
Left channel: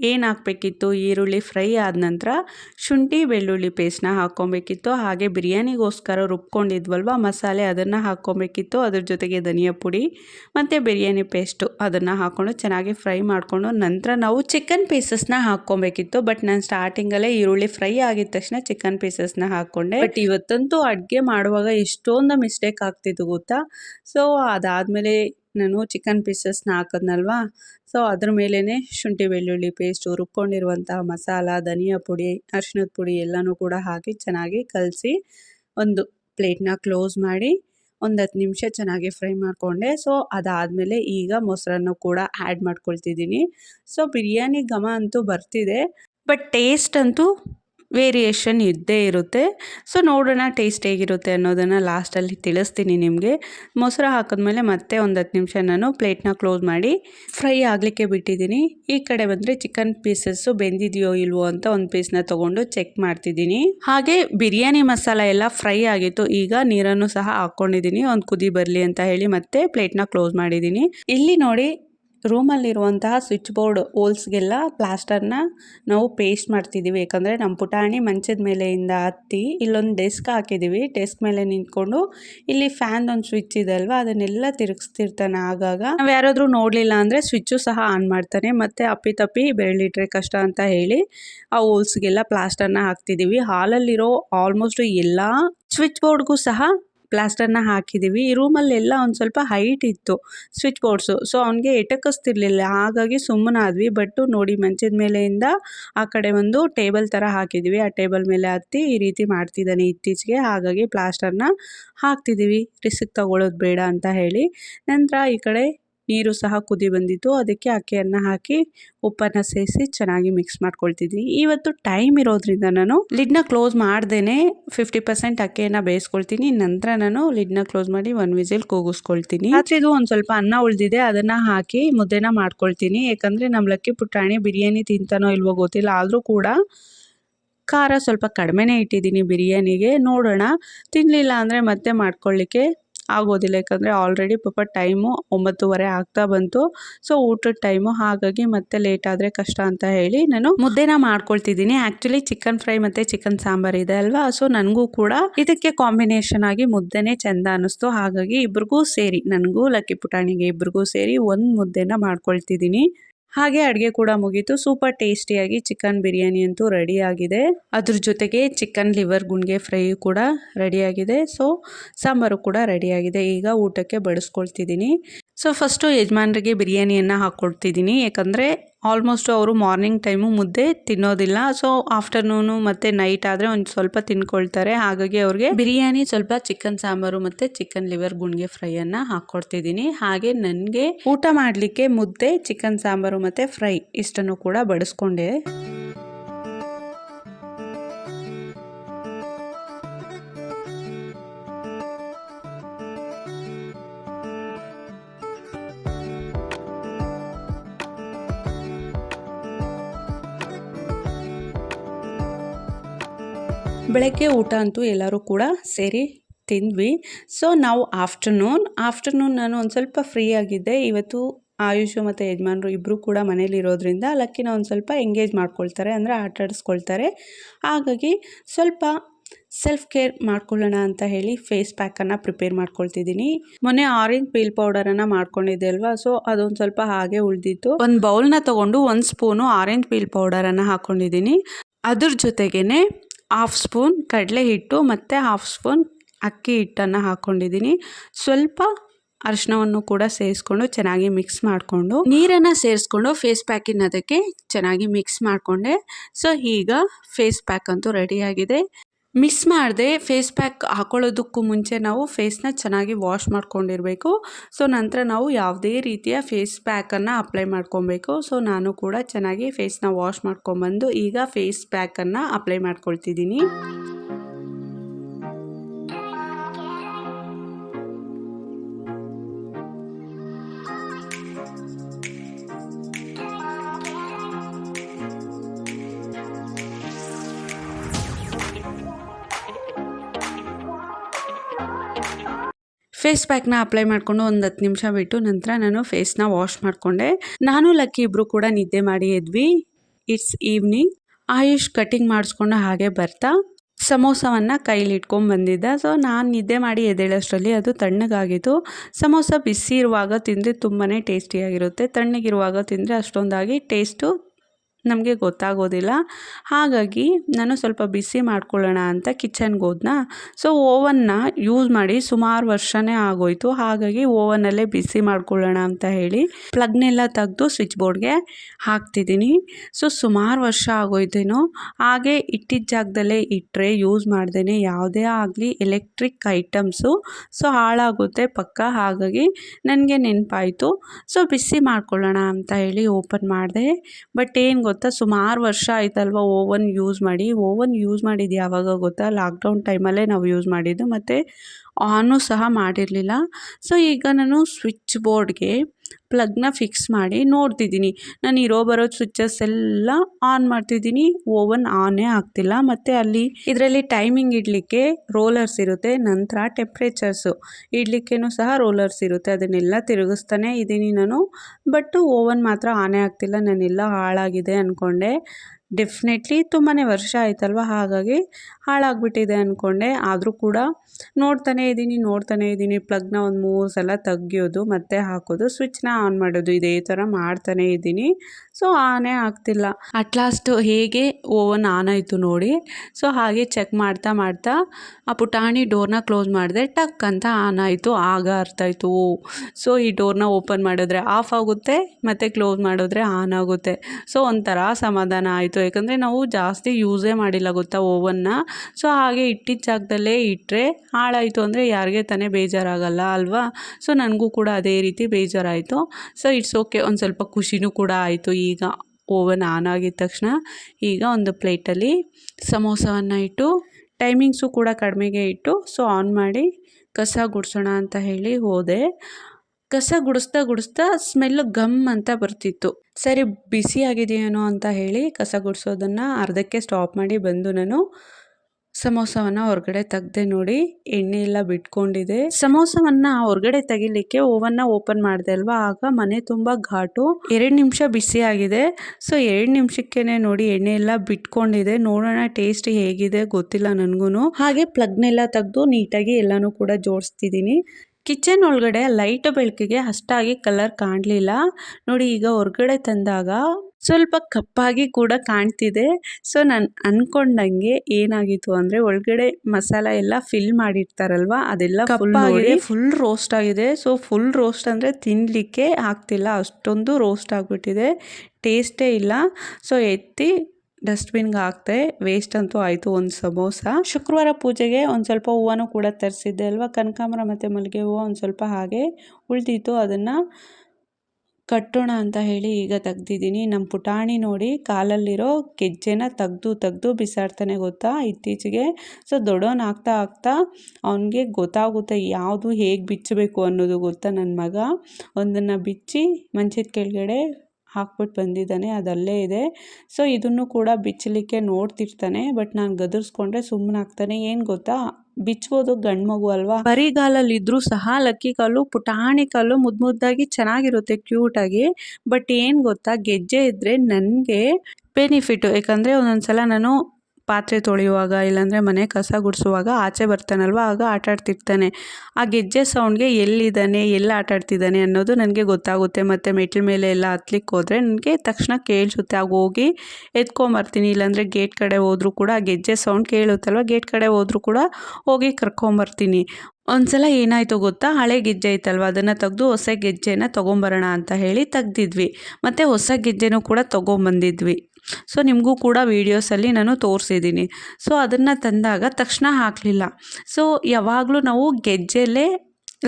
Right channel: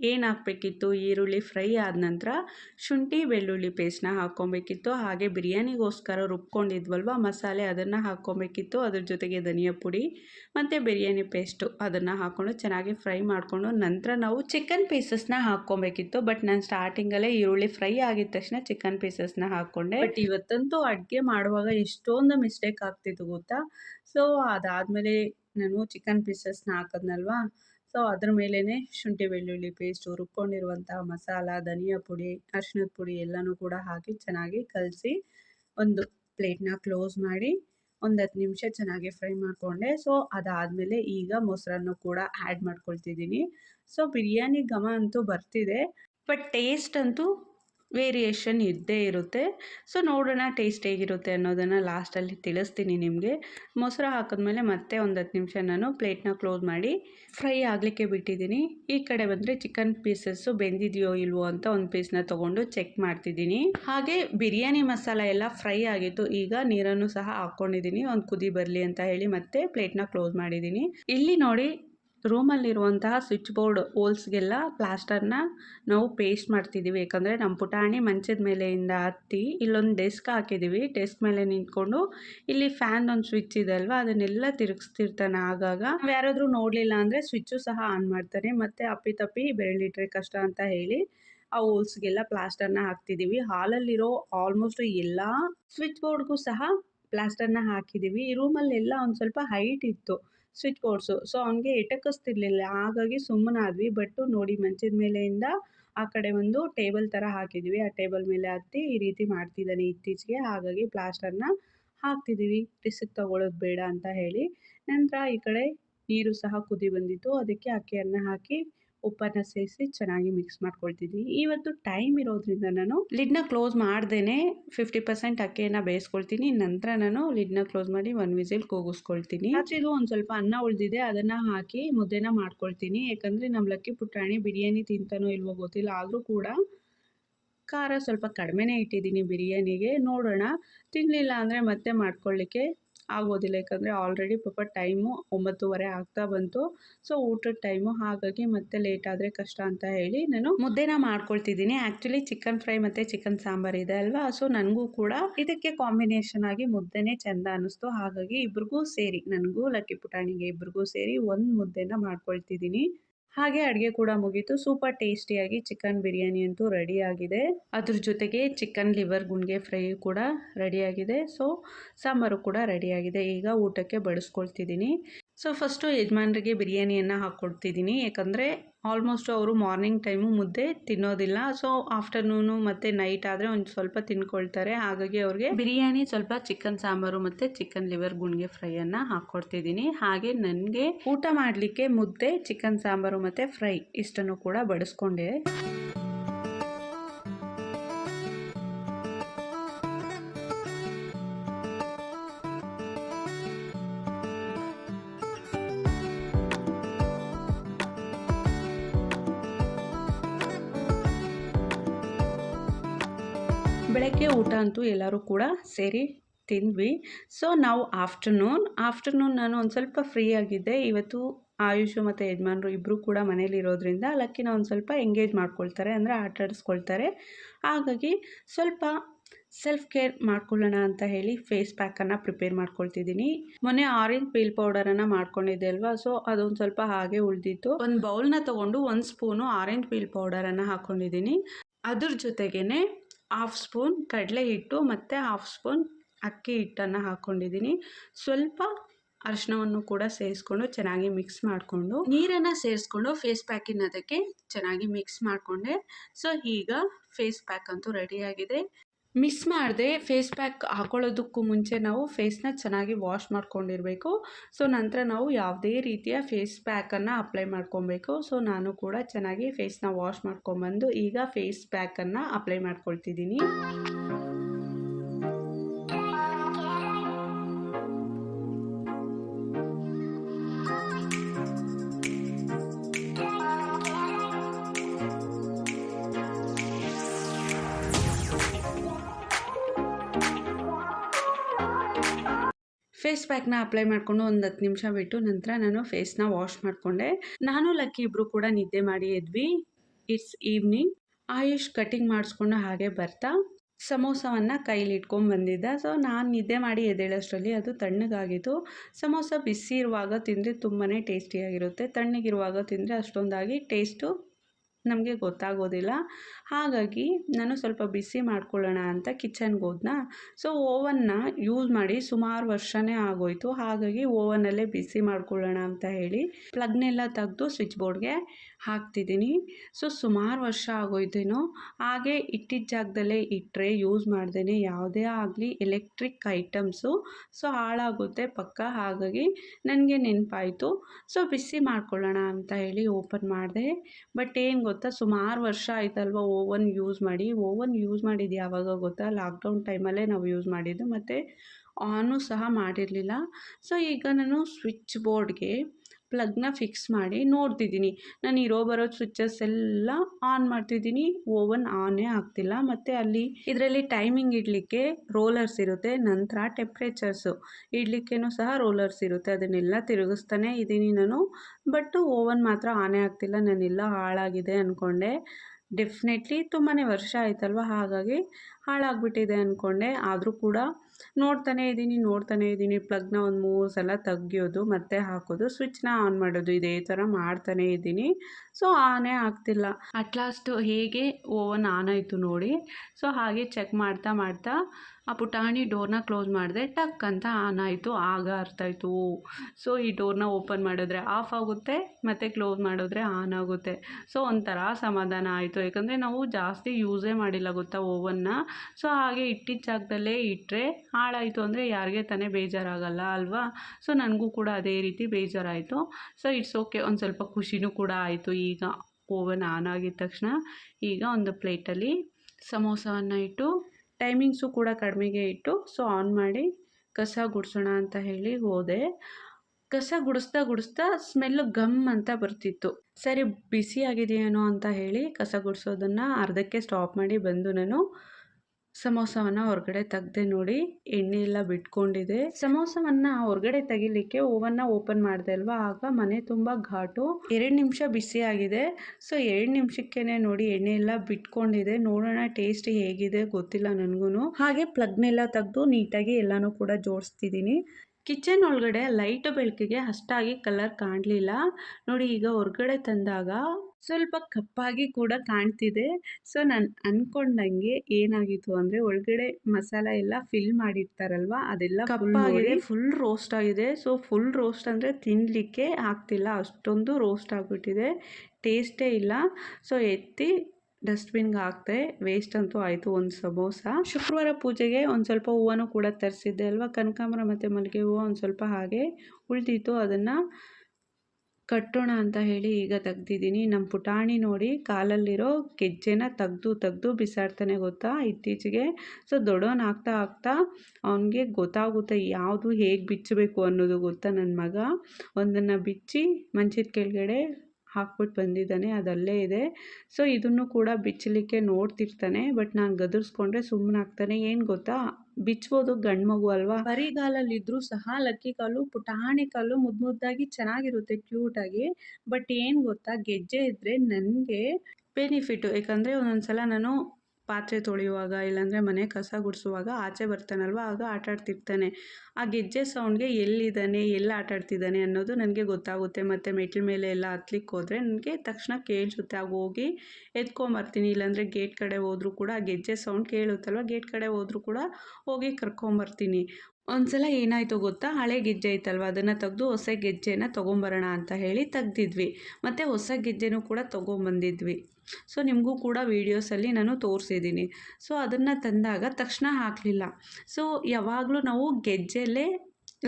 ಏನು ಹಾಕಬೇಕಿತ್ತು, ಈರುಳ್ಳಿ ಫ್ರೈ ಆದ ನಂತರ ಶುಂಠಿ ಬೆಳ್ಳುಳ್ಳಿ ಪೇಸ್ಟ್ನ ಹಾಕ್ಕೊಬೇಕಿತ್ತು. ಹಾಗೆ ಬಿರಿಯಾನಿಗೋಸ್ಕರ ರುಬ್ಕೊಂಡಿದ್ವಲ್ವ ಮಸಾಲೆ, ಅದನ್ನು ಹಾಕ್ಕೊಬೇಕಿತ್ತು. ಅದ್ರ ಜೊತೆಗೆ ಧನಿಯಾ ಪುಡಿ ಮತ್ತು ಬಿರಿಯಾನಿ ಪೇಸ್ಟು ಅದನ್ನು ಹಾಕ್ಕೊಂಡು ಚೆನ್ನಾಗಿ ಫ್ರೈ ಮಾಡಿಕೊಂಡು ನಂತರ ನಾವು ಚಿಕನ್ ಪೀಸಸ್ನ ಹಾಕ್ಕೊಬೇಕಿತ್ತು. ಬಟ್ ನಾನು ಸ್ಟಾರ್ಟಿಂಗಲ್ಲೇ ಈರುಳ್ಳಿ ಫ್ರೈ ಆಗಿದ ತಕ್ಷಣ ಚಿಕನ್ ಪೀಸಸ್ನ ಹಾಕ್ಕೊಂಡೆ. ಬಟ್ ಇವತ್ತಂತೂ ಅಡುಗೆ ಮಾಡುವಾಗ ಎಷ್ಟೊಂದು ಮಿಸ್ಟೇಕ್ ಆಗ್ತಿತ್ತು ಗೊತ್ತಾ. ಸೊ ಅದಾದಮೇಲೆ ನಾನು ಚಿಕನ್ ಪೀಸಸ್ನ ಹಾಕಿದ್ನಲ್ವ, ಸೊ ಅದ್ರ ಮೇಲೇ ಶುಂಠಿ ಬೆಳ್ಳುಳ್ಳಿ ಪೇಸ್ಟು, ರುಬ್ಕೊಂಡಿರುವಂತಹ ಮಸಾಲ, ಧನಿಯಾ ಪುಡಿ, ಅರಿಶಿಣದ ಪುಡಿ ಎಲ್ಲನೂ ಕೂಡ ಹಾಕಿ ಚೆನ್ನಾಗಿ ಕಲಸಿ ಒಂದು ಪ್ಲೇಟ್ನ ಕ್ಲೋಸ್ ಮಾಡಿ ಒಂದು 10 ನಿಮಿಷ ಚೆನ್ನಾಗಿ ಫ್ರೈ ಮಾಡಿಕೊಂಡೆ. ಸೊ ಅದಾದಮೇಲೆ ಈಗ ಮೊಸರನ್ನು ಕೂಡ ಆ್ಯಡ್ ಮಾಡ್ಕೊಳ್ತಿದ್ದೀನಿ. ಸೊ ಬಿರಿಯಾನಿ ಘಮ ಅಂತೂ ಬರ್ತಿದೆ, ಬಟ್ ಟೇಸ್ಟ್ ಅಂತೂ ವೇರಿಯೇಷನ್ ಇದ್ದೇ ಇರುತ್ತೆ. ಸೊ ನೋಡೋಣ ಟೇಸ್ಟ್ ಹೇಗಿರುತ್ತೆ ಅನ್ನೋದನ್ನು ಲಾಸ್ಟಲ್ಲಿ ತಿಳಿಸ್ತೀನಿ ನಿಮಗೆ. ಮೊಸರು ಹಾಕಿದ್ಮೇಲೆ ಮತ್ತೆ ಒಂದು 10 ನಿಮಿಷ ನಾನು ಪ್ಲೇಟ್ನ ಕ್ಲೋಸ್ ಮಾಡಿ ಫ್ರೈ ಆಗಲಿಕ್ಕೆ ಬಿಟ್ಟಿದ್ದೀನಿ. ಈ ಕಡೆ ಬಂದರೆ ಚಿಕನ್ ಪೀಸಸ್ಸು ಬೆಂದಿದೆಯೋ ಇಲ್ವೋ ಅಂತ ಒಂದು ಪೀಸ್ನ ತೊಗೊಂಡು ಚೆಕ್ ಮಾಡ್ತಿದ್ದೀನಿ. ಹಾಗೆ ಬಿರಿಯಾನಿ ಮಸಾಲ ಎಲ್ಲ ಫ್ರೈ ಆಗಿತ್ತು. ಈಗ ನೀರನ್ನು ಸಹ ಹಾಕ್ಕೊಂಡಿದ್ದೀನಿ ಒಂದು ಕುದಿ ಬರಲಿ ಅಂತ ಹೇಳಿ ಮತ್ತೆ ಪ್ಲೇಟ್ನ ಕ್ಲೋಸ್ ಮಾಡಿದ್ದೀನಿ. ಇಲ್ಲಿ ನೋಡಿ, ರೂಮಲ್ಲಿರುವಂತಹ ಸ್ವಿಚ್ ಬೋರ್ಡ್ ಹೋಲ್ಸ್ಗೆಲ್ಲ ಪ್ಲಾಸ್ಟರ್ನ ನಾವು ಪೇಸ್ಟ್ ಮಾಡ್ತಿದ್ದೀವಿ. ಯಾಕಂದರೆ ನಮ್ಮ ಪುಟಾಣಿ ಮಂಚದ ಮೇಲೆಯಿಂದ ಹತ್ತಿ ಇಲ್ಲೊಂದು ಡೆಸ್ಕ್ ಹಾಕಿದ್ದೀವಿ. ಡೆಸ್ಕ್ ಮೇಲೆ ನಿಂತ್ಕೊಂಡು ಇಲ್ಲಿ ಫ್ಯಾನ್ ಒಂದು ಸ್ವಿಚ್ ಇದೆ ಅಲ್ವಾ, ಅದನ್ನೆಲ್ಲ ತಿರುಗಿಸ್ತಿರ್ತಾನೆ. ಆಗಾಗ ನಾವು ಯಾರಾದರೂ ನೋಡಲಿಲ್ಲ ಅಂದರೆ ಸ್ವಿಚ್ಚು ಸಹ ಆನ್ ಮಾಡ್ತಾನೆ. ಮತ್ತು ಅಪ್ಪಿತಪ್ಪಿ ಬೆರಳಿಟ್ರೆ ಕಷ್ಟ ಅಂತ ಹೇಳಿ ಆ ಹೋಲ್ಸ್ಗೆಲ್ಲ ಪ್ಲಾಸ್ಟರ್ನ ಹಾಕ್ತಿದ್ದೀವಿ. ಹಾಲಲ್ಲಿರೋ ಆಲ್ಮೋಸ್ಟ್ ಎಲ್ಲ ಸ್ವಿಚ್ ಬೋರ್ಡ್ಗೂ ಸಹ ಪ್ಲಾಸ್ಟರ್ನ ಹಾಕಿದ್ದೀವಿ. ಈ ರೂಮಲ್ಲೆಲ್ಲ ಒಂದು ಸ್ವಲ್ಪ ಹೈಟ್ ಇತ್ತು ಸ್ವಿಚ್ ಬೋರ್ಡ್ಸು. ಸೊ ಅವನಿಗೆ ಎಟಕಿಸ್ತಿರ್ಲಿಲ್ಲ, ಹಾಗಾಗಿ ಸುಮ್ಮನಾದ್ವಿ. ಬಟ್ ನೋಡಿ, ಮಂಚದ ಮೇಲೆಯಿಂದ ಆ ಕಡೆ ಒಂದು ಟೇಬಲ್ ಥರ ಹಾಕಿದ್ದೀವಿ. ಆ ಟೇಬಲ್ ಮೇಲೆ ಹತ್ತಿ ಈ ರೀತಿ ಮಾಡ್ತಿದ್ದಾನೆ ಇತ್ತೀಚೆಗೆ. ಹಾಗಾಗಿ ಪ್ಲಾಸ್ಟರ್ನ ಹಾಕ್ತಿದ್ದೀವಿ, ರಿಸ್ಕ್ ತಗೊಳ್ಳೋದು ಬೇಡ ಅಂತ ಹೇಳಿ. ನಂತರ ಈ ಕಡೆ ನೀರು ಸಹ ಕುದಿ ಬಂದಿತ್ತು. ಅದಕ್ಕೆ ಅಕ್ಕಿಯನ್ನು ಹಾಕಿ ಉಪ್ಪನ್ನು ಸೇರಿಸಿ ಚೆನ್ನಾಗಿ ಮಿಕ್ಸ್ ಮಾಡ್ಕೊಳ್ತಿದ್ದೀನಿ. ಇವತ್ತು ಟೈಮ್ ಇರೋದ್ರಿಂದ ನಾನು ಲಿಡ್ನ ಕ್ಲೋಸ್ ಮಾಡ್ದೇನೆ 50% ಅಕ್ಕಿಯನ್ನು ಬೇಯಿಸ್ಕೊಳ್ತೀನಿ. ನಂತರ ನಾನು ಲಿಡ್ನ ಕ್ಲೋಸ್ ಮಾಡಿ 1 ವಿಸಿಲ್ ಕೂಗಿಸ್ಕೊಳ್ತೀನಿ. ರಾತ್ರಿದು ಒಂದು ಸ್ವಲ್ಪ ಅನ್ನ ಉಳಿದಿದೆ, ಅದನ್ನು ಹಾಕಿ ಮುದ್ದೆನ ಮಾಡ್ಕೊಳ್ತೀನಿ. ಯಾಕಂದರೆ ನಮ್ಮ ಲಕ್ಕಿ ಪುಟಾಣಿ ಬಿರಿಯಾನಿ ತಿಂತಾನೋ ಇಲ್ವೋ ಗೊತ್ತಿಲ್ಲ, ಆದರೂ ಕೂಡ ಖಾರ ಸ್ವಲ್ಪ ಕಡಿಮೆನೇ ಇಟ್ಟಿದ್ದೀನಿ ಬಿರಿಯಾನಿಗೆ. ನೋಡೋಣ, ತಿನ್ನಲಿಲ್ಲ ಅಂದರೆ ಮತ್ತೆ ಮಾಡ್ಕೊಳ್ಳಿಕ್ಕೆ ಆಗೋದಿಲ್ಲ. ಯಾಕಂದರೆ ಆಲ್ರೆಡಿ ಪಾಪ ಟೈಮು 9:30 ಆಗ್ತಾ ಬಂತು. ಸೊ ಊಟದ ಟೈಮು, ಹಾಗಾಗಿ ಮತ್ತೆ ಲೇಟ್ ಆದರೆ ಕಷ್ಟ ಅಂತ ಹೇಳಿ ನಾನು ಮುದ್ದೆನ ಮಾಡ್ಕೊಳ್ತಿದ್ದೀನಿ. ಆ್ಯಕ್ಚುಲಿ ಚಿಕನ್ ಫ್ರೈ ಮತ್ತು ಚಿಕನ್ ಸಾಂಬಾರು ಇದೆ ಅಲ್ವಾ, ಸೊ ನನಗೂ ಕೂಡ ಇದಕ್ಕೆ ಕಾಂಬಿನೇಷನ್ ಆಗಿ ಮುದ್ದೆನೇ ಚೆಂದ ಅನ್ನಿಸ್ತು. ಹಾಗಾಗಿ ಇಬ್ರಿಗೂ ಸೇರಿ, ನನಗೂ ಲಕ್ಕಿ ಪುಟಾಣಿಗೆ ಇಬ್ರಿಗೂ ಸೇರಿ ಒಂದು ಮುದ್ದೆನ ಮಾಡ್ಕೊಳ್ತಿದ್ದೀನಿ. ಹಾಗೆ ಅಡುಗೆ ಕೂಡ ಮುಗೀತು. ಸೂಪರ್ ಟೇಸ್ಟಿಯಾಗಿ ಚಿಕನ್ ಬಿರಿಯಾನಿ ಅಂತೂ ರೆಡಿಯಾಗಿದೆ. ಅದ್ರ ಜೊತೆಗೆ ಚಿಕನ್ ಲಿವರ್ ಗುಂಡಿಗೆ ಫ್ರೈ ಕೂಡ ರೆಡಿಯಾಗಿದೆ. ಸೊ ಸಾಂಬಾರು ಕೂಡ ರೆಡಿಯಾಗಿದೆ. ಈಗ ಊಟಕ್ಕೆ ಬಡಿಸ್ಕೊಳ್ತಿದ್ದೀನಿ. So first ಯಜಮಾನ್ರಿಗೆ ಬಿರಿಯಾನಿಯನ್ನು ಹಾಕ್ಕೊಡ್ತಿದ್ದೀನಿ. ಯಾಕಂದರೆ ಆಲ್ಮೋಸ್ಟ್ ಅವರು ಮಾರ್ನಿಂಗ್ ಟೈಮು ಮುದ್ದೆ ತಿನ್ನೋದಿಲ್ಲ. ಸೊ ಆಫ್ಟರ್ನೂನು ಮತ್ತು ನೈಟ್ ಆದರೆ ಒಂದು ಸ್ವಲ್ಪ ತಿನ್ಕೊಳ್ತಾರೆ. ಹಾಗಾಗಿ ಅವ್ರಿಗೆ ಬಿರಿಯಾನಿ, ಸ್ವಲ್ಪ ಚಿಕನ್ ಸಾಂಬಾರು ಮತ್ತು ಚಿಕನ್ ಲಿವರ್ ಗುಂಡಿಗೆ ಫ್ರೈಯನ್ನು ಹಾಕ್ಕೊಡ್ತಿದ್ದೀನಿ. ಹಾಗೆ ನನಗೆ ಊಟ ಮಾಡಲಿಕ್ಕೆ ಮುದ್ದೆ, ಚಿಕನ್ ಸಾಂಬಾರು ಮತ್ತು ಫ್ರೈ ಇಷ್ಟನ್ನು ಕೂಡ ಬಡಿಸ್ಕೊಂಡೆ. ಬೆಳಗ್ಗೆ ಊಟ ಅಂತೂ ಎಲ್ಲರೂ ಕೂಡ ಸೇರಿ ತಿಂದ್ವಿ. ಸೊ ನಾವು ಆಫ್ಟರ್ನೂನ್ ನಾನು ಒಂದು ಸ್ವಲ್ಪ ಫ್ರೀ ಆಗಿದ್ದೆ. ಇವತ್ತು ಆಯುಷ್ ಮತ್ತು ಯಜಮಾನ್ರು ಇಬ್ಬರು ಕೂಡ ಮನೇಲಿರೋದ್ರಿಂದ ಲಕ್ಕಿನ ಒಂದು ಸ್ವಲ್ಪ ಎಂಗೇಜ್ ಮಾಡ್ಕೊಳ್ತಾರೆ, ಅಂದರೆ ಆಟ ಆಡಿಸ್ಕೊಳ್ತಾರೆ. ಹಾಗಾಗಿ ಸ್ವಲ್ಪ ಸೆಲ್ಫ್ ಕೇರ್ ಮಾಡ್ಕೊಳ್ಳೋಣ ಅಂತ ಹೇಳಿ ಫೇಸ್ ಪ್ಯಾಕನ್ನು ಪ್ರಿಪೇರ್ ಮಾಡ್ಕೊಳ್ತಿದ್ದೀನಿ. ಮೊನ್ನೆ ಆರೆಂಜ್ ಪೀಲ್ ಪೌಡರನ್ನು ಮಾಡ್ಕೊಂಡಿದ್ದೆ ಅಲ್ವಾ, ಸೊ ಅದೊಂದು ಸ್ವಲ್ಪ ಹಾಗೆ ಉಳಿದಿತ್ತು. ಒಂದು ಬೌಲ್ನ ತೊಗೊಂಡು 1 ಸ್ಪೂನು ಆರೆಂಜ್ ಪೀಲ್ ಪೌಡರನ್ನು ಹಾಕ್ಕೊಂಡಿದ್ದೀನಿ. ಅದ್ರ ಜೊತೆಗೇ 1/2 ಸ್ಪೂನ್ ಕಡಲೆ ಹಿಟ್ಟು ಮತ್ತು 1/2 ಸ್ಪೂನ್ ಅಕ್ಕಿ ಹಿಟ್ಟನ್ನು ಹಾಕ್ಕೊಂಡಿದ್ದೀನಿ. ಸ್ವಲ್ಪ ಅರಿಶಿನವನ್ನು ಕೂಡ ಸೇರಿಸ್ಕೊಂಡು ಚೆನ್ನಾಗಿ ಮಿಕ್ಸ್ ಮಾಡಿಕೊಂಡು ನೀರನ್ನು ಸೇರಿಸ್ಕೊಂಡು ಫೇಸ್ ಪ್ಯಾಕಿನ ಅದಕ್ಕೆ ಚೆನ್ನಾಗಿ ಮಿಕ್ಸ್ ಮಾಡಿಕೊಂಡೆ. ಸೊ ಈಗ ಫೇಸ್ ಪ್ಯಾಕ್ ಅಂತೂ ರೆಡಿಯಾಗಿದೆ. ಮಿಸ್ ಮಾಡದೆ ಫೇಸ್ ಪ್ಯಾಕ್ ಹಾಕೊಳ್ಳೋದಕ್ಕೂ ಮುಂಚೆ ನಾವು ಫೇಸ್ನ ಚೆನ್ನಾಗಿ ವಾಶ್ ಮಾಡ್ಕೊಂಡಿರಬೇಕು. ಸೊ ನಂತರ ನಾವು ಯಾವುದೇ ರೀತಿಯ ಫೇಸ್ ಪ್ಯಾಕನ್ನು ಅಪ್ಲೈ ಮಾಡ್ಕೊಬೇಕು. ಸೊ ನಾನು ಕೂಡ ಚೆನ್ನಾಗಿ ಫೇಸ್ನ ವಾಶ್ ಮಾಡ್ಕೊಂಬಂದು ಈಗ ಫೇಸ್ ಪ್ಯಾಕನ್ನು ಅಪ್ಲೈ ಮಾಡ್ಕೊಳ್ತಿದ್ದೀನಿ. ಫೇಸ್ ಪ್ಯಾಕ್ನ ಅಪ್ಲೈ ಮಾಡಿಕೊಂಡು ಒಂದು 10 ನಿಮಿಷ ಬಿಟ್ಟು ನಂತರ ನಾನು ಫೇಸ್ನ ವಾಶ್ ಮಾಡಿಕೊಂಡೆ. ನಾನು ಲಕ್ಕಿ ಇಬ್ಬರು ಕೂಡ ನಿದ್ದೆ ಮಾಡಿ ಎದ್ವಿ. It's evening. ಆಯುಷ್ ಕಟಿಂಗ್ ಮಾಡಿಸ್ಕೊಂಡು ಹಾಗೆ ಬರ್ತಾ ಸಮೋಸವನ್ನು ಕೈಲಿ ಇಟ್ಕೊಂಡು ಬಂದಿದ್ದ. ಸೊ ನಾನು ನಿದ್ದೆ ಮಾಡಿ ಎದ್ದೇಳೋಷ್ಟರಲ್ಲಿ ಅದು ತಣ್ಣಗಾಗಿತ್ತು. ಸಮೋಸ ಬಿಸಿ ಇರುವಾಗ ತಿಂದರೆ ತುಂಬಾ ಟೇಸ್ಟಿಯಾಗಿರುತ್ತೆ, ತಣ್ಣಗಿರುವಾಗ ತಿಂದರೆ ಅಷ್ಟೊಂದಾಗಿ ಟೇಸ್ಟು ನಮಗೆ ಗೊತ್ತಾಗೋದಿಲ್ಲ. ಹಾಗಾಗಿ ನಾನು ಸ್ವಲ್ಪ ಬಿಸಿ ಮಾಡ್ಕೊಳ್ಳೋಣ ಅಂತ ಕಿಚನ್ಗೆ ಹೋದ್ನಾ. ಸೊ ಓವನ್ನ ಯೂಸ್ ಮಾಡಿ ಸುಮಾರು ವರ್ಷನೇ ಆಗೋಯ್ತು. ಹಾಗಾಗಿ ಓವನಲ್ಲೇ ಬಿಸಿ ಮಾಡ್ಕೊಳ್ಳೋಣ ಅಂತ ಹೇಳಿ ಪ್ಲಗ್ನೆಲ್ಲ ತೆಗೆದು ಸ್ವಿಚ್ ಬೋರ್ಡ್ಗೆ ಹಾಕ್ತಿದ್ದೀನಿ. ಸೊ ಸುಮಾರು ವರ್ಷ ಆಗೋಯ್ತೇನೋ. ಹಾಗೆ ಇಟ್ಟಿದ್ದ ಜಾಗದಲ್ಲೇ ಇಟ್ಟರೆ ಯೂಸ್ ಮಾಡ್ದೇ ಯಾವುದೇ ಆಗಲಿ ಎಲೆಕ್ಟ್ರಿಕ್ ಐಟಮ್ಸು ಸೊ ಹಾಳಾಗುತ್ತೆ ಪಕ್ಕ. ಹಾಗಾಗಿ ನನಗೆ ನೆನಪಾಯಿತು. ಸೊ ಬಿಸಿ ಮಾಡ್ಕೊಳ್ಳೋಣ ಅಂತ ಹೇಳಿ ಓಪನ್ ಮಾಡಿದೆ. ಬಟ್ ಏನು ಗೊತ್ತಾ, ಸುಮಾರು ವರ್ಷ ಆಯ್ತಲ್ವ ಓವನ್ ಯೂಸ್ ಮಾಡಿದ್ದು ಯಾವಾಗ ಗೊತ್ತಾ, ಲಾಕ್ಡೌನ್ ಟೈಮಲ್ಲೇ ನಾವು ಯೂಸ್ ಮಾಡಿದ್ದು, ಮತ್ತು ಆನು ಸಹ ಮಾಡಿರಲಿಲ್ಲ. ಸೊ ಈಗ ನಾನು ಸ್ವಿಚ್ ಬೋರ್ಡ್ಗೆ ಪ್ಲಗ್ನ ಫಿಕ್ಸ್ ಮಾಡಿ ನೋಡ್ತಿದ್ದೀನಿ. ನಾನು ಬರೋ ಸ್ವಿಚಸ್ ಎಲ್ಲ ಆನ್ ಮಾಡ್ತಿದ್ದೀನಿ, ಓವನ್ ಆನೇ ಆಗ್ತಿಲ್ಲ. ಮತ್ತು ಇದರಲ್ಲಿ ಟೈಮಿಂಗ್ ಇಡಲಿಕ್ಕೆ ರೋಲರ್ಸ್ ಇರುತ್ತೆ, ನಂತರ ಟೆಂಪ್ರೇಚರ್ಸು ಇಡಲಿಕ್ಕೇನು ಸಹ ರೋಲರ್ಸ್ ಇರುತ್ತೆ. ಅದನ್ನೆಲ್ಲ ತಿರುಗಿಸ್ತಾನೆ ಇದ್ದೀನಿ ನಾನು. ಬಟ್ ಓವನ್ ಮಾತ್ರ ಆನೇ ಆಗ್ತಿಲ್ಲ. ನಾನೆಲ್ಲ ಹಾಳಾಗಿದೆ ಅಂದ್ಕೊಂಡೆ. ಡೆಫಿನೆಟ್ಲಿ ತುಂಬಾ ವರ್ಷ ಆಯ್ತಲ್ವ, ಹಾಗಾಗಿ ಹಾಳಾಗ್ಬಿಟ್ಟಿದೆ ಅಂದ್ಕೊಂಡೆ. ಆದರೂ ಕೂಡ ನೋಡ್ತಾನೇ ಇದ್ದೀನಿ. ಪ್ಲಗ್ನ ಒಂದು 3 ಸಲ ತೆಗಿಯೋದು ಮತ್ತೆ ಹಾಕೋದು, ಸ್ವಿಚ್ನ ಆನ್ ಮಾಡೋದು, ಇದೇ ಥರ ಮಾಡ್ತಾನೇ ಇದ್ದೀನಿ. ಸೊ ಆನೇ ಆಗ್ತಿಲ್ಲ. ಅಟ್ಲಾಸ್ಟು ಹೇಗೆ ಓವನ್ ಆನ್ ಆಯಿತು ನೋಡಿ. ಸೊ ಹಾಗೆ ಚೆಕ್ ಮಾಡ್ತಾ ಆ ಪುಟಾಣಿ ಡೋರ್ನ ಕ್ಲೋಸ್ ಮಾಡಿದೆ. ಟಕ್ ಅಂತ ಆನ್ ಆಯಿತು. ಆಗ ಅರ್ಥ ಆಯಿತು, ಸೊ ಈ ಡೋರ್ನ ಓಪನ್ ಮಾಡಿದ್ರೆ ಆಫ್ ಆಗುತ್ತೆ ಮತ್ತು ಕ್ಲೋಸ್ ಮಾಡಿದ್ರೆ ಆನ್ ಆಗುತ್ತೆ. ಸೊ ಒಂಥರ ಸಮಾಧಾನ ಆಯಿತು. ಯಾಕಂದರೆ ನಾವು ಜಾಸ್ತಿ ಯೂಸೇ ಮಾಡಿಲ್ಲ ಗೊತ್ತಾ ಓವನ್ನ. ಸೊ ಹಾಗೆ ಇಟ್ಟಿದ್ದ ಜಾಗದಲ್ಲೇ ಇಟ್ಟರೆ ಹಾಳಾಯಿತು ಅಂದರೆ ಯಾರಿಗೆ ತಾನೇ ಬೇಜಾರಾಗಲ್ಲ ಅಲ್ವಾ. ಸೊ ನನಗೂ ಕೂಡ ಅದೇ ರೀತಿ ಬೇಜಾರಾಯಿತು. ಸೊ ಇಟ್ಸ್ ಓಕೆ, ಒಂದು ಸ್ವಲ್ಪ ಖುಷಿನೂ ಕೂಡ ಆಯಿತು. ಈಗ ಓವನ್ ಆನ್ ಆಗಿದ ತಕ್ಷಣ ಈಗ ಒಂದು ಪ್ಲೇಟಲ್ಲಿ ಸಮೋಸವನ್ನು ಇಟ್ಟು ಟೈಮಿಂಗ್ಸು ಕೂಡ ಕಡಿಮೆಗೆ ಇಟ್ಟು ಸೊ ಆನ್ ಮಾಡಿ ಕಸ ಗುಡಿಸೋಣ ಅಂತ ಹೇಳಿ ಹೋದೆ. ಕಸ ಗುಡಿಸ್ತಾ ಸ್ಮೆಲ್ಲು ಗಮ್ ಅಂತ ಬರ್ತಿತ್ತು. ಸರಿ ಬಿಸಿಯಾಗಿದೆಯೇನೋ ಅಂತ ಹೇಳಿ ಕಸ ಗುಡಿಸೋದನ್ನು ಅರ್ಧಕ್ಕೆ ಸ್ಟಾಪ್ ಮಾಡಿ ಬಂದು ನಾನು ಸಮೋಸವನ್ನು ಹೊರಗಡೆ ತೆಗ್ದೆ. ನೋಡಿ ಎಣ್ಣೆ ಎಲ್ಲ ಬಿಟ್ಕೊಂಡಿದೆ. ಸಮೋಸವನ್ನು ಹೊರಗಡೆ ತೆಗಿಲಿಕ್ಕೆ ಓವನ್ನ ಓಪನ್ ಮಾಡಿದೆ ಅಲ್ವಾ, ಆಗ ಮನೆ ತುಂಬ ಘಾಟು. 2 ನಿಮಿಷ ಬಿಸಿ ಆಗಿದೆ. ಸೊ 2 ನಿಮಿಷಕ್ಕೇ ನೋಡಿ ಎಣ್ಣೆ ಎಲ್ಲ ಬಿಟ್ಕೊಂಡಿದೆ. ನೋಡೋಣ ಟೇಸ್ಟ್ ಹೇಗಿದೆ ಗೊತ್ತಿಲ್ಲ ನನಗೂ. ಹಾಗೆ ಪ್ಲಗ್ನೆಲ್ಲ ತೆಗೆದು ನೀಟಾಗಿ ಎಲ್ಲನೂ ಕೂಡ ಜೋಡಿಸ್ತಿದ್ದೀನಿ. ಕಿಚನ್ ಒಳಗಡೆ ಲೈಟ್ ಬೆಳಕಿಗೆ ಅಷ್ಟಾಗಿ ಕಲರ್ ಕಾಣಲಿಲ್ಲ ನೋಡಿ. ಈಗ ಹೊರಗಡೆ ತಂದಾಗ ಸ್ವಲ್ಪ ಕಪ್ಪಾಗಿ ಕೂಡ ಕಾಣ್ತಿದೆ. ಸೊ ನಾನು ಅಂದ್ಕೊಂಡಂಗೆ ಏನಾಗಿತ್ತು ಅಂದರೆ ಒಳಗಡೆ ಮಸಾಲ ಎಲ್ಲ ಫಿಲ್ ಮಾಡಿರ್ತಾರಲ್ವ, ಅದೆಲ್ಲ ಫುಲ್ ರೋಸ್ಟ್ ಆಗಿದೆ. ಸೊ ಫುಲ್ ರೋಸ್ಟ್ ಅಂದರೆ ತಿನ್ನಲಿಕ್ಕೆ ಆಗ್ತಿಲ್ಲ, ಅಷ್ಟೊಂದು ರೋಸ್ಟ್ ಆಗಿಬಿಟ್ಟಿದೆ, ಟೇಸ್ಟೇ ಇಲ್ಲ. ಸೊ ಎತ್ತಿ ಡಸ್ಟ್ಬಿನ್ಗೆ ಹಾಕ್ತೆ. ವೇಸ್ಟ್ ಅಂತೂ ಆಯಿತು ಒಂದು ಸಮೋಸ. ಶುಕ್ರವಾರ ಪೂಜೆಗೆ ಒಂದು ಸ್ವಲ್ಪ ಹೂವನೂ ಕೂಡ ತರಿಸಿದ್ದೆ ಅಲ್ವಾ, ಕನಕಾಂಬರ ಮತ್ತು ಮಲ್ಲಿಗೆ ಹೂವು ಒಂದು ಸ್ವಲ್ಪ ಹಾಗೆ ಉಳಿದಿತ್ತು, ಅದನ್ನು ಕಟ್ಟೋಣ ಅಂತ ಹೇಳಿ ಈಗ ತೆಗ್ದಿದ್ದೀನಿ. ನಮ್ಮ ಪುಟಾಣಿ ನೋಡಿ ಕಾಲಲ್ಲಿರೋ ಗೆಜ್ಜೆನ ತೆಗ್ದು ಬಿಸಾಡ್ತಾನೆ ಗೊತ್ತಾ ಇತ್ತೀಚೆಗೆ. ಸೊ ದೊಡ್ಡವನಾಗ್ತಾ ಅವನಿಗೆ ಗೊತ್ತಾಗುತ್ತೆ ಯಾವುದು ಹೇಗೆ ಬಿಚ್ಚಬೇಕು ಅನ್ನೋದು ಗೊತ್ತಾ. ನನ್ನ ಮಗ ಒಂದನ್ನು ಬಿಚ್ಚಿ ಮಂಚದ ಕೆಳಗಡೆ ಹಾಕ್ಬಿಟ್ಟು ಬಂದಿದ್ದಾನೆ, ಅದಲ್ಲೇ ಇದೆ. ಸೊ ಇದನ್ನು ಕೂಡ ಬಿಚ್ಚಲಿಕ್ಕೆ ನೋಡ್ತಿರ್ತಾನೆ, ಬಟ್ ನಾನು ಗದರ್ಸ್ಕೊಂಡ್ರೆ ಸುಮ್ಮನಾಗ್ತಾನೆ. ಏನು ಗೊತ್ತಾ, ಬಿಚ್ಬೋದು, ಗಂಡು ಮಗು ಅಲ್ವಾ. ಬರಿಗಾಲಲ್ಲಿ ಇದ್ರೂ ಸಹ ಲಕ್ಕಿ ಕಾಲು ಪುಟಾಣಿ ಕಾಲು ಮುದ್ದಾಗಿ ಚೆನ್ನಾಗಿರುತ್ತೆ, ಕ್ಯೂಟಾಗಿ. ಬಟ್ ಏನು ಗೊತ್ತಾ, ಗೆಜ್ಜೆ ಇದ್ದರೆ ನನಗೆ ಬೆನಿಫಿಟ್ಟು. ಯಾಕಂದರೆ ಒಂದೊಂದ್ಸಲ ನಾನು ಪಾತ್ರೆ ತೊಳೆಯುವಾಗ ಇಲ್ಲಾಂದರೆ ಮನೆ ಕಸ ಗುಡಿಸುವಾಗ ಆಚೆ ಬರ್ತಾನಲ್ವ, ಆಗ ಆಟಾಡ್ತಿರ್ತಾನೆ. ಆ ಗೆಜ್ಜೆ ಸೌಂಡ್ಗೆ ಎಲ್ಲಿದ್ದಾನೆ, ಎಲ್ಲಿ ಆಟಾಡ್ತಿದ್ದಾನೆ ಅನ್ನೋದು ನನಗೆ ಗೊತ್ತಾಗುತ್ತೆ. ಮತ್ತು ಮೆಟ್ಲ ಮೇಲೆ ಎಲ್ಲ ಹತ್ಲಿಕ್ಕೆ ಹೋದರೆ ನನಗೆ ತಕ್ಷಣ ಕೇಳಿಸುತ್ತೆ. ಆಗ ಹೋಗಿ ಎತ್ಕೊಂಬರ್ತೀನಿ. ಇಲ್ಲಾಂದರೆ ಗೇಟ್ ಕಡೆ ಹೋದರೂ ಕೂಡ ಆ ಗೆಜ್ಜೆ ಸೌಂಡ್ ಕೇಳುತ್ತಲ್ವ, ಗೇಟ್ ಕಡೆ ಹೋದರೂ ಕೂಡ ಹೋಗಿ ಕರ್ಕೊಂಬರ್ತೀನಿ. ಒಂದ್ಸಲ ಏನಾಯಿತು ಗೊತ್ತಾ, ಹಳೆ ಗೆಜ್ಜೆ ಐತಲ್ವ, ಅದನ್ನು ತೆಗೆದು ಹೊಸ ಗೆಜ್ಜೆನ ತೊಗೊಂಬರೋಣ ಅಂತ ಹೇಳಿ ತೆಗ್ದಿದ್ವಿ. ಮತ್ತು ಹೊಸ ಗೆಜ್ಜೆನೂ ಕೂಡ ತೊಗೊಂಬಂದಿದ್ವಿ. ಸೊ ನಿಮಗೂ ಕೂಡ ವೀಡಿಯೋಸಲ್ಲಿ ನಾನು ತೋರಿಸಿದ್ದೀನಿ. ಸೊ ಅದನ್ನು ತಂದಾಗ ತಕ್ಷಣ ಹಾಕಲಿಲ್ಲ. ಸೊ ಯಾವಾಗಲೂ ನಾವು ಗೆಜ್ಜೆಲ್ಲೇ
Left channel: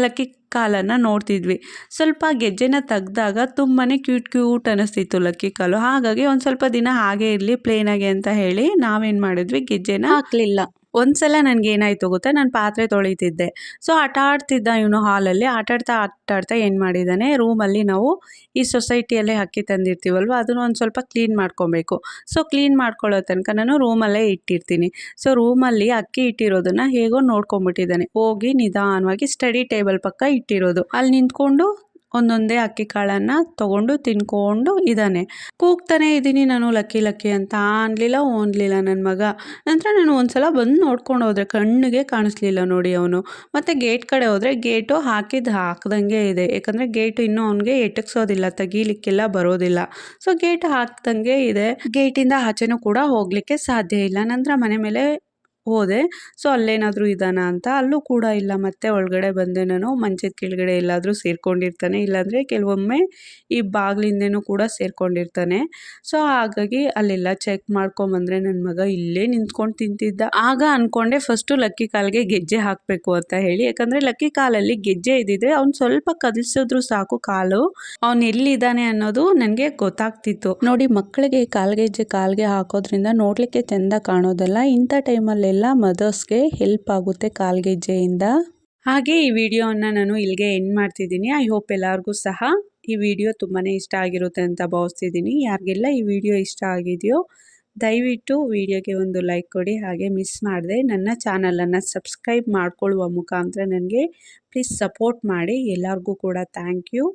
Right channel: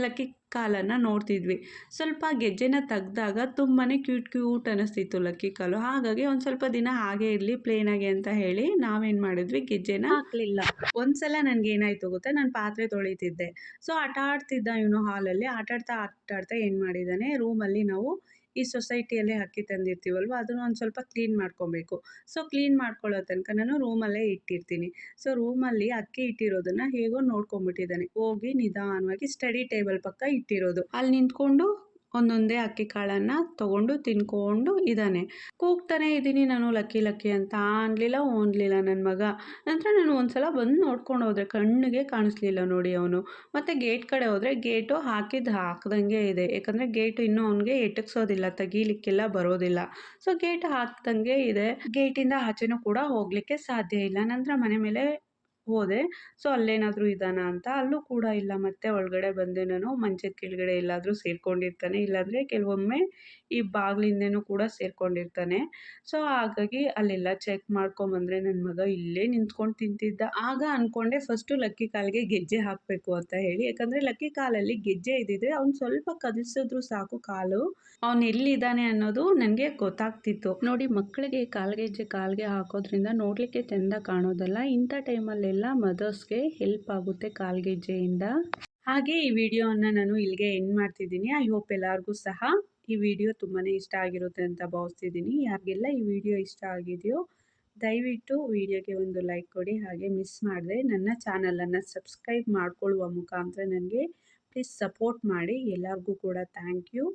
ಲಕ್ಕಿ ಕಾಲನ್ನು ನೋಡ್ತಿದ್ವಿ. ಸ್ವಲ್ಪ ಗೆಜ್ಜೆನ ತೆಗ್ದಾಗ ತುಂಬಾ ಕ್ಯೂಟ್ ಅನ್ನಿಸ್ತಿತ್ತು ಲಕ್ಕಿ ಕಾಲು. ಹಾಗಾಗಿ ಒಂದು ಸ್ವಲ್ಪ ದಿನ ಹಾಗೆ ಇರಲಿ ಪ್ಲೇನಾಗೆ ಅಂತ ಹೇಳಿ ನಾವೇನು ಮಾಡಿದ್ವಿ, ಗೆಜ್ಜೆನ ಹಾಕಲಿಲ್ಲ. ಒಂದ್ಸಲ ನನಗೇನಾಯಿತು ಗೊತ್ತಾ, ನಾನು ಪಾತ್ರೆ ತೊಳಿತಿದ್ದೆ. ಸೊ ಆಟಾಡ್ತಿದ್ದ ಇವನು ಹಾಲಲ್ಲಿ. ಆಟಾಡ್ತಾ ಏನು ಮಾಡಿದ್ದಾನೆ, ರೂಮಲ್ಲಿ ನಾವು ಈ ಸೊಸೈಟಿಯಲ್ಲೇ ಅಕ್ಕಿ ತಂದಿರ್ತೀವಲ್ವ, ಅದನ್ನು ಒಂದು ಸ್ವಲ್ಪ ಕ್ಲೀನ್ ಮಾಡ್ಕೊಬೇಕು. ಸೊ ಕ್ಲೀನ್ ಮಾಡ್ಕೊಳ್ಳೋ ತನಕ ನಾನು ರೂಮಲ್ಲೇ ಇಟ್ಟಿರ್ತೀನಿ. ಸೊ ರೂಮಲ್ಲಿ ಅಕ್ಕಿ ಇಟ್ಟಿರೋದನ್ನು ಹೇಗೋ ನೋಡ್ಕೊಂಬಿಟ್ಟಿದ್ದಾನೆ. ಹೋಗಿ ನಿಧಾನವಾಗಿ ಸ್ಟಡಿ ಟೇಬಲ್ ಪಕ್ಕ ಇಟ್ಟಿರೋದು, ಅಲ್ಲಿ ನಿಂತ್ಕೊಂಡು ಒಂದೊಂದೇ ಅಕ್ಕಿ ಕಾಳನ್ನು ತೊಗೊಂಡು ತಿನ್ಕೊಂಡು ಇದ್ದಾನೆ. ಕೂಗ್ತಾನೆ ಇದ್ದೀನಿ ನಾನು ಲಕ್ಕಿ ಅಂತ. ಓನ್ಲಿಲ್ಲ ನನ್ನ ಮಗ. ನಂತರ ನಾನು ಒಂದ್ಸಲ ಬಂದು ನೋಡ್ಕೊಂಡು ಹೋದರೆ ಕಣ್ಣಿಗೆ ಕಾಣಿಸ್ಲಿಲ್ಲ ನೋಡಿ ಅವನು. ಮತ್ತು ಗೇಟ್ ಕಡೆ ಹೋದರೆ ಗೇಟು ಹಾಕ್ದಂಗೆ ಇದೆ. ಯಾಕಂದರೆ ಗೇಟು ಇನ್ನೂ ಅವನಿಗೆ ಎಟಕ್ಸೋದಿಲ್ಲ, ತೆಗೀಲಿಕ್ಕೆಲ್ಲ ಬರೋದಿಲ್ಲ. ಸೊ ಗೇಟ್ ಹಾಕ್ದಂಗೆ ಇದೆ. ಗೇಟಿಂದ ಆಚೆನೂ ಕೂಡ ಹೋಗಲಿಕ್ಕೆ ಸಾಧ್ಯ ಇಲ್ಲ. ನಂತರ ಮನೆ ಮೇಲೆ ಹೋದೆ. ಸೊ ಅಲ್ಲೇನಾದರೂ ಇದ್ದಾನ ಅಂತ, ಅಲ್ಲೂ ಕೂಡ ಇಲ್ಲ. ಮತ್ತೆ ಒಳಗಡೆ ಬಂದೆ ನಾನು. ಮಂಚದ ಕೆಳಗಡೆ ಎಲ್ಲಾದರೂ ಸೇರ್ಕೊಂಡಿರ್ತಾನೆ, ಇಲ್ಲಾಂದರೆ ಕೆಲವೊಮ್ಮೆ ಈ ಬಾಗಿಲಿಂದನೂ ಕೂಡ ಸೇರ್ಕೊಂಡಿರ್ತಾನೆ. ಸೊ ಹಾಗಾಗಿ ಅಲ್ಲೆಲ್ಲ ಚೆಕ್ ಮಾಡ್ಕೊಂಬಂದರೆ ನನ್ನ ಮಗ ಇಲ್ಲೇ ನಿಂತ್ಕೊಂಡು ತಿಂತಿದ್ದ. ಆಗ ಅಂದ್ಕೊಂಡೆ ಫಸ್ಟು ಲಕ್ಕಿ ಕಾಲಿಗೆ ಗೆಜ್ಜೆ ಹಾಕಬೇಕು ಅಂತ ಹೇಳಿ. ಯಾಕಂದರೆ ಲಕ್ಕಿ ಕಾಲಲ್ಲಿ ಗೆಜ್ಜೆ ಇದ್ದಿದ್ರೆ ಅವ್ನು ಸ್ವಲ್ಪ ಕದಲ್ಸಿದ್ರು ಸಾಕು, ಕಾಲು ಅವ್ನು ಎಲ್ಲಿದ್ದಾನೆ ಅನ್ನೋದು ನನಗೆ ಗೊತ್ತಾಗ್ತಿತ್ತು. ನೋಡಿ, ಮಕ್ಕಳಿಗೆ ಕಾಲ್ಗೆ ಹಾಕೋದ್ರಿಂದ ನೋಡಲಿಕ್ಕೆ ಚೆಂದ ಕಾಣೋದಲ್ಲ. ಇಂಥ ಟೈಮಲ್ಲೆಲ್ಲ ಮದರ್ಸ್ಗೆ ಹೆಲ್ಪ್ ಆಗುತ್ತೆ ಕಾಲ್ಗೆಜ್ಜೆಯಿಂದ. ಹಾಗೆ ಈ ವಿಡಿಯೋವನ್ನು ನಾನು ಇಲ್ಲಿಗೆ ಎಂಡ್ ಮಾಡ್ತಿದ್ದೀನಿ. ಐ ಹೋಪ್ ಎಲ್ಲರಿಗೂ ಸಹ ಈ ವಿಡಿಯೋ ತುಂಬಾ ಇಷ್ಟ ಆಗಿರುತ್ತೆ ಅಂತ ಭಾವಿಸ್ತಿದ್ದೀನಿ. ಯಾರಿಗೆಲ್ಲ ಈ ವಿಡಿಯೋ ಇಷ್ಟ ಆಗಿದೆಯೋ ದಯವಿಟ್ಟು ವಿಡಿಯೋಗೆ ಒಂದು ಲೈಕ್ ಕೊಡಿ. ಹಾಗೆ ಮಿಸ್ ಮಾಡದೆ ನನ್ನ ಚಾನಲನ್ನು ಸಬ್ಸ್ಕ್ರೈಬ್ ಮಾಡಿಕೊಳ್ಳುವ ಮುಖಾಂತರ ನನಗೆ ಪ್ಲೀಸ್ ಸಪೋರ್ಟ್ ಮಾಡಿ. ಎಲ್ಲರಿಗೂ ಕೂಡ ಥ್ಯಾಂಕ್ ಯು.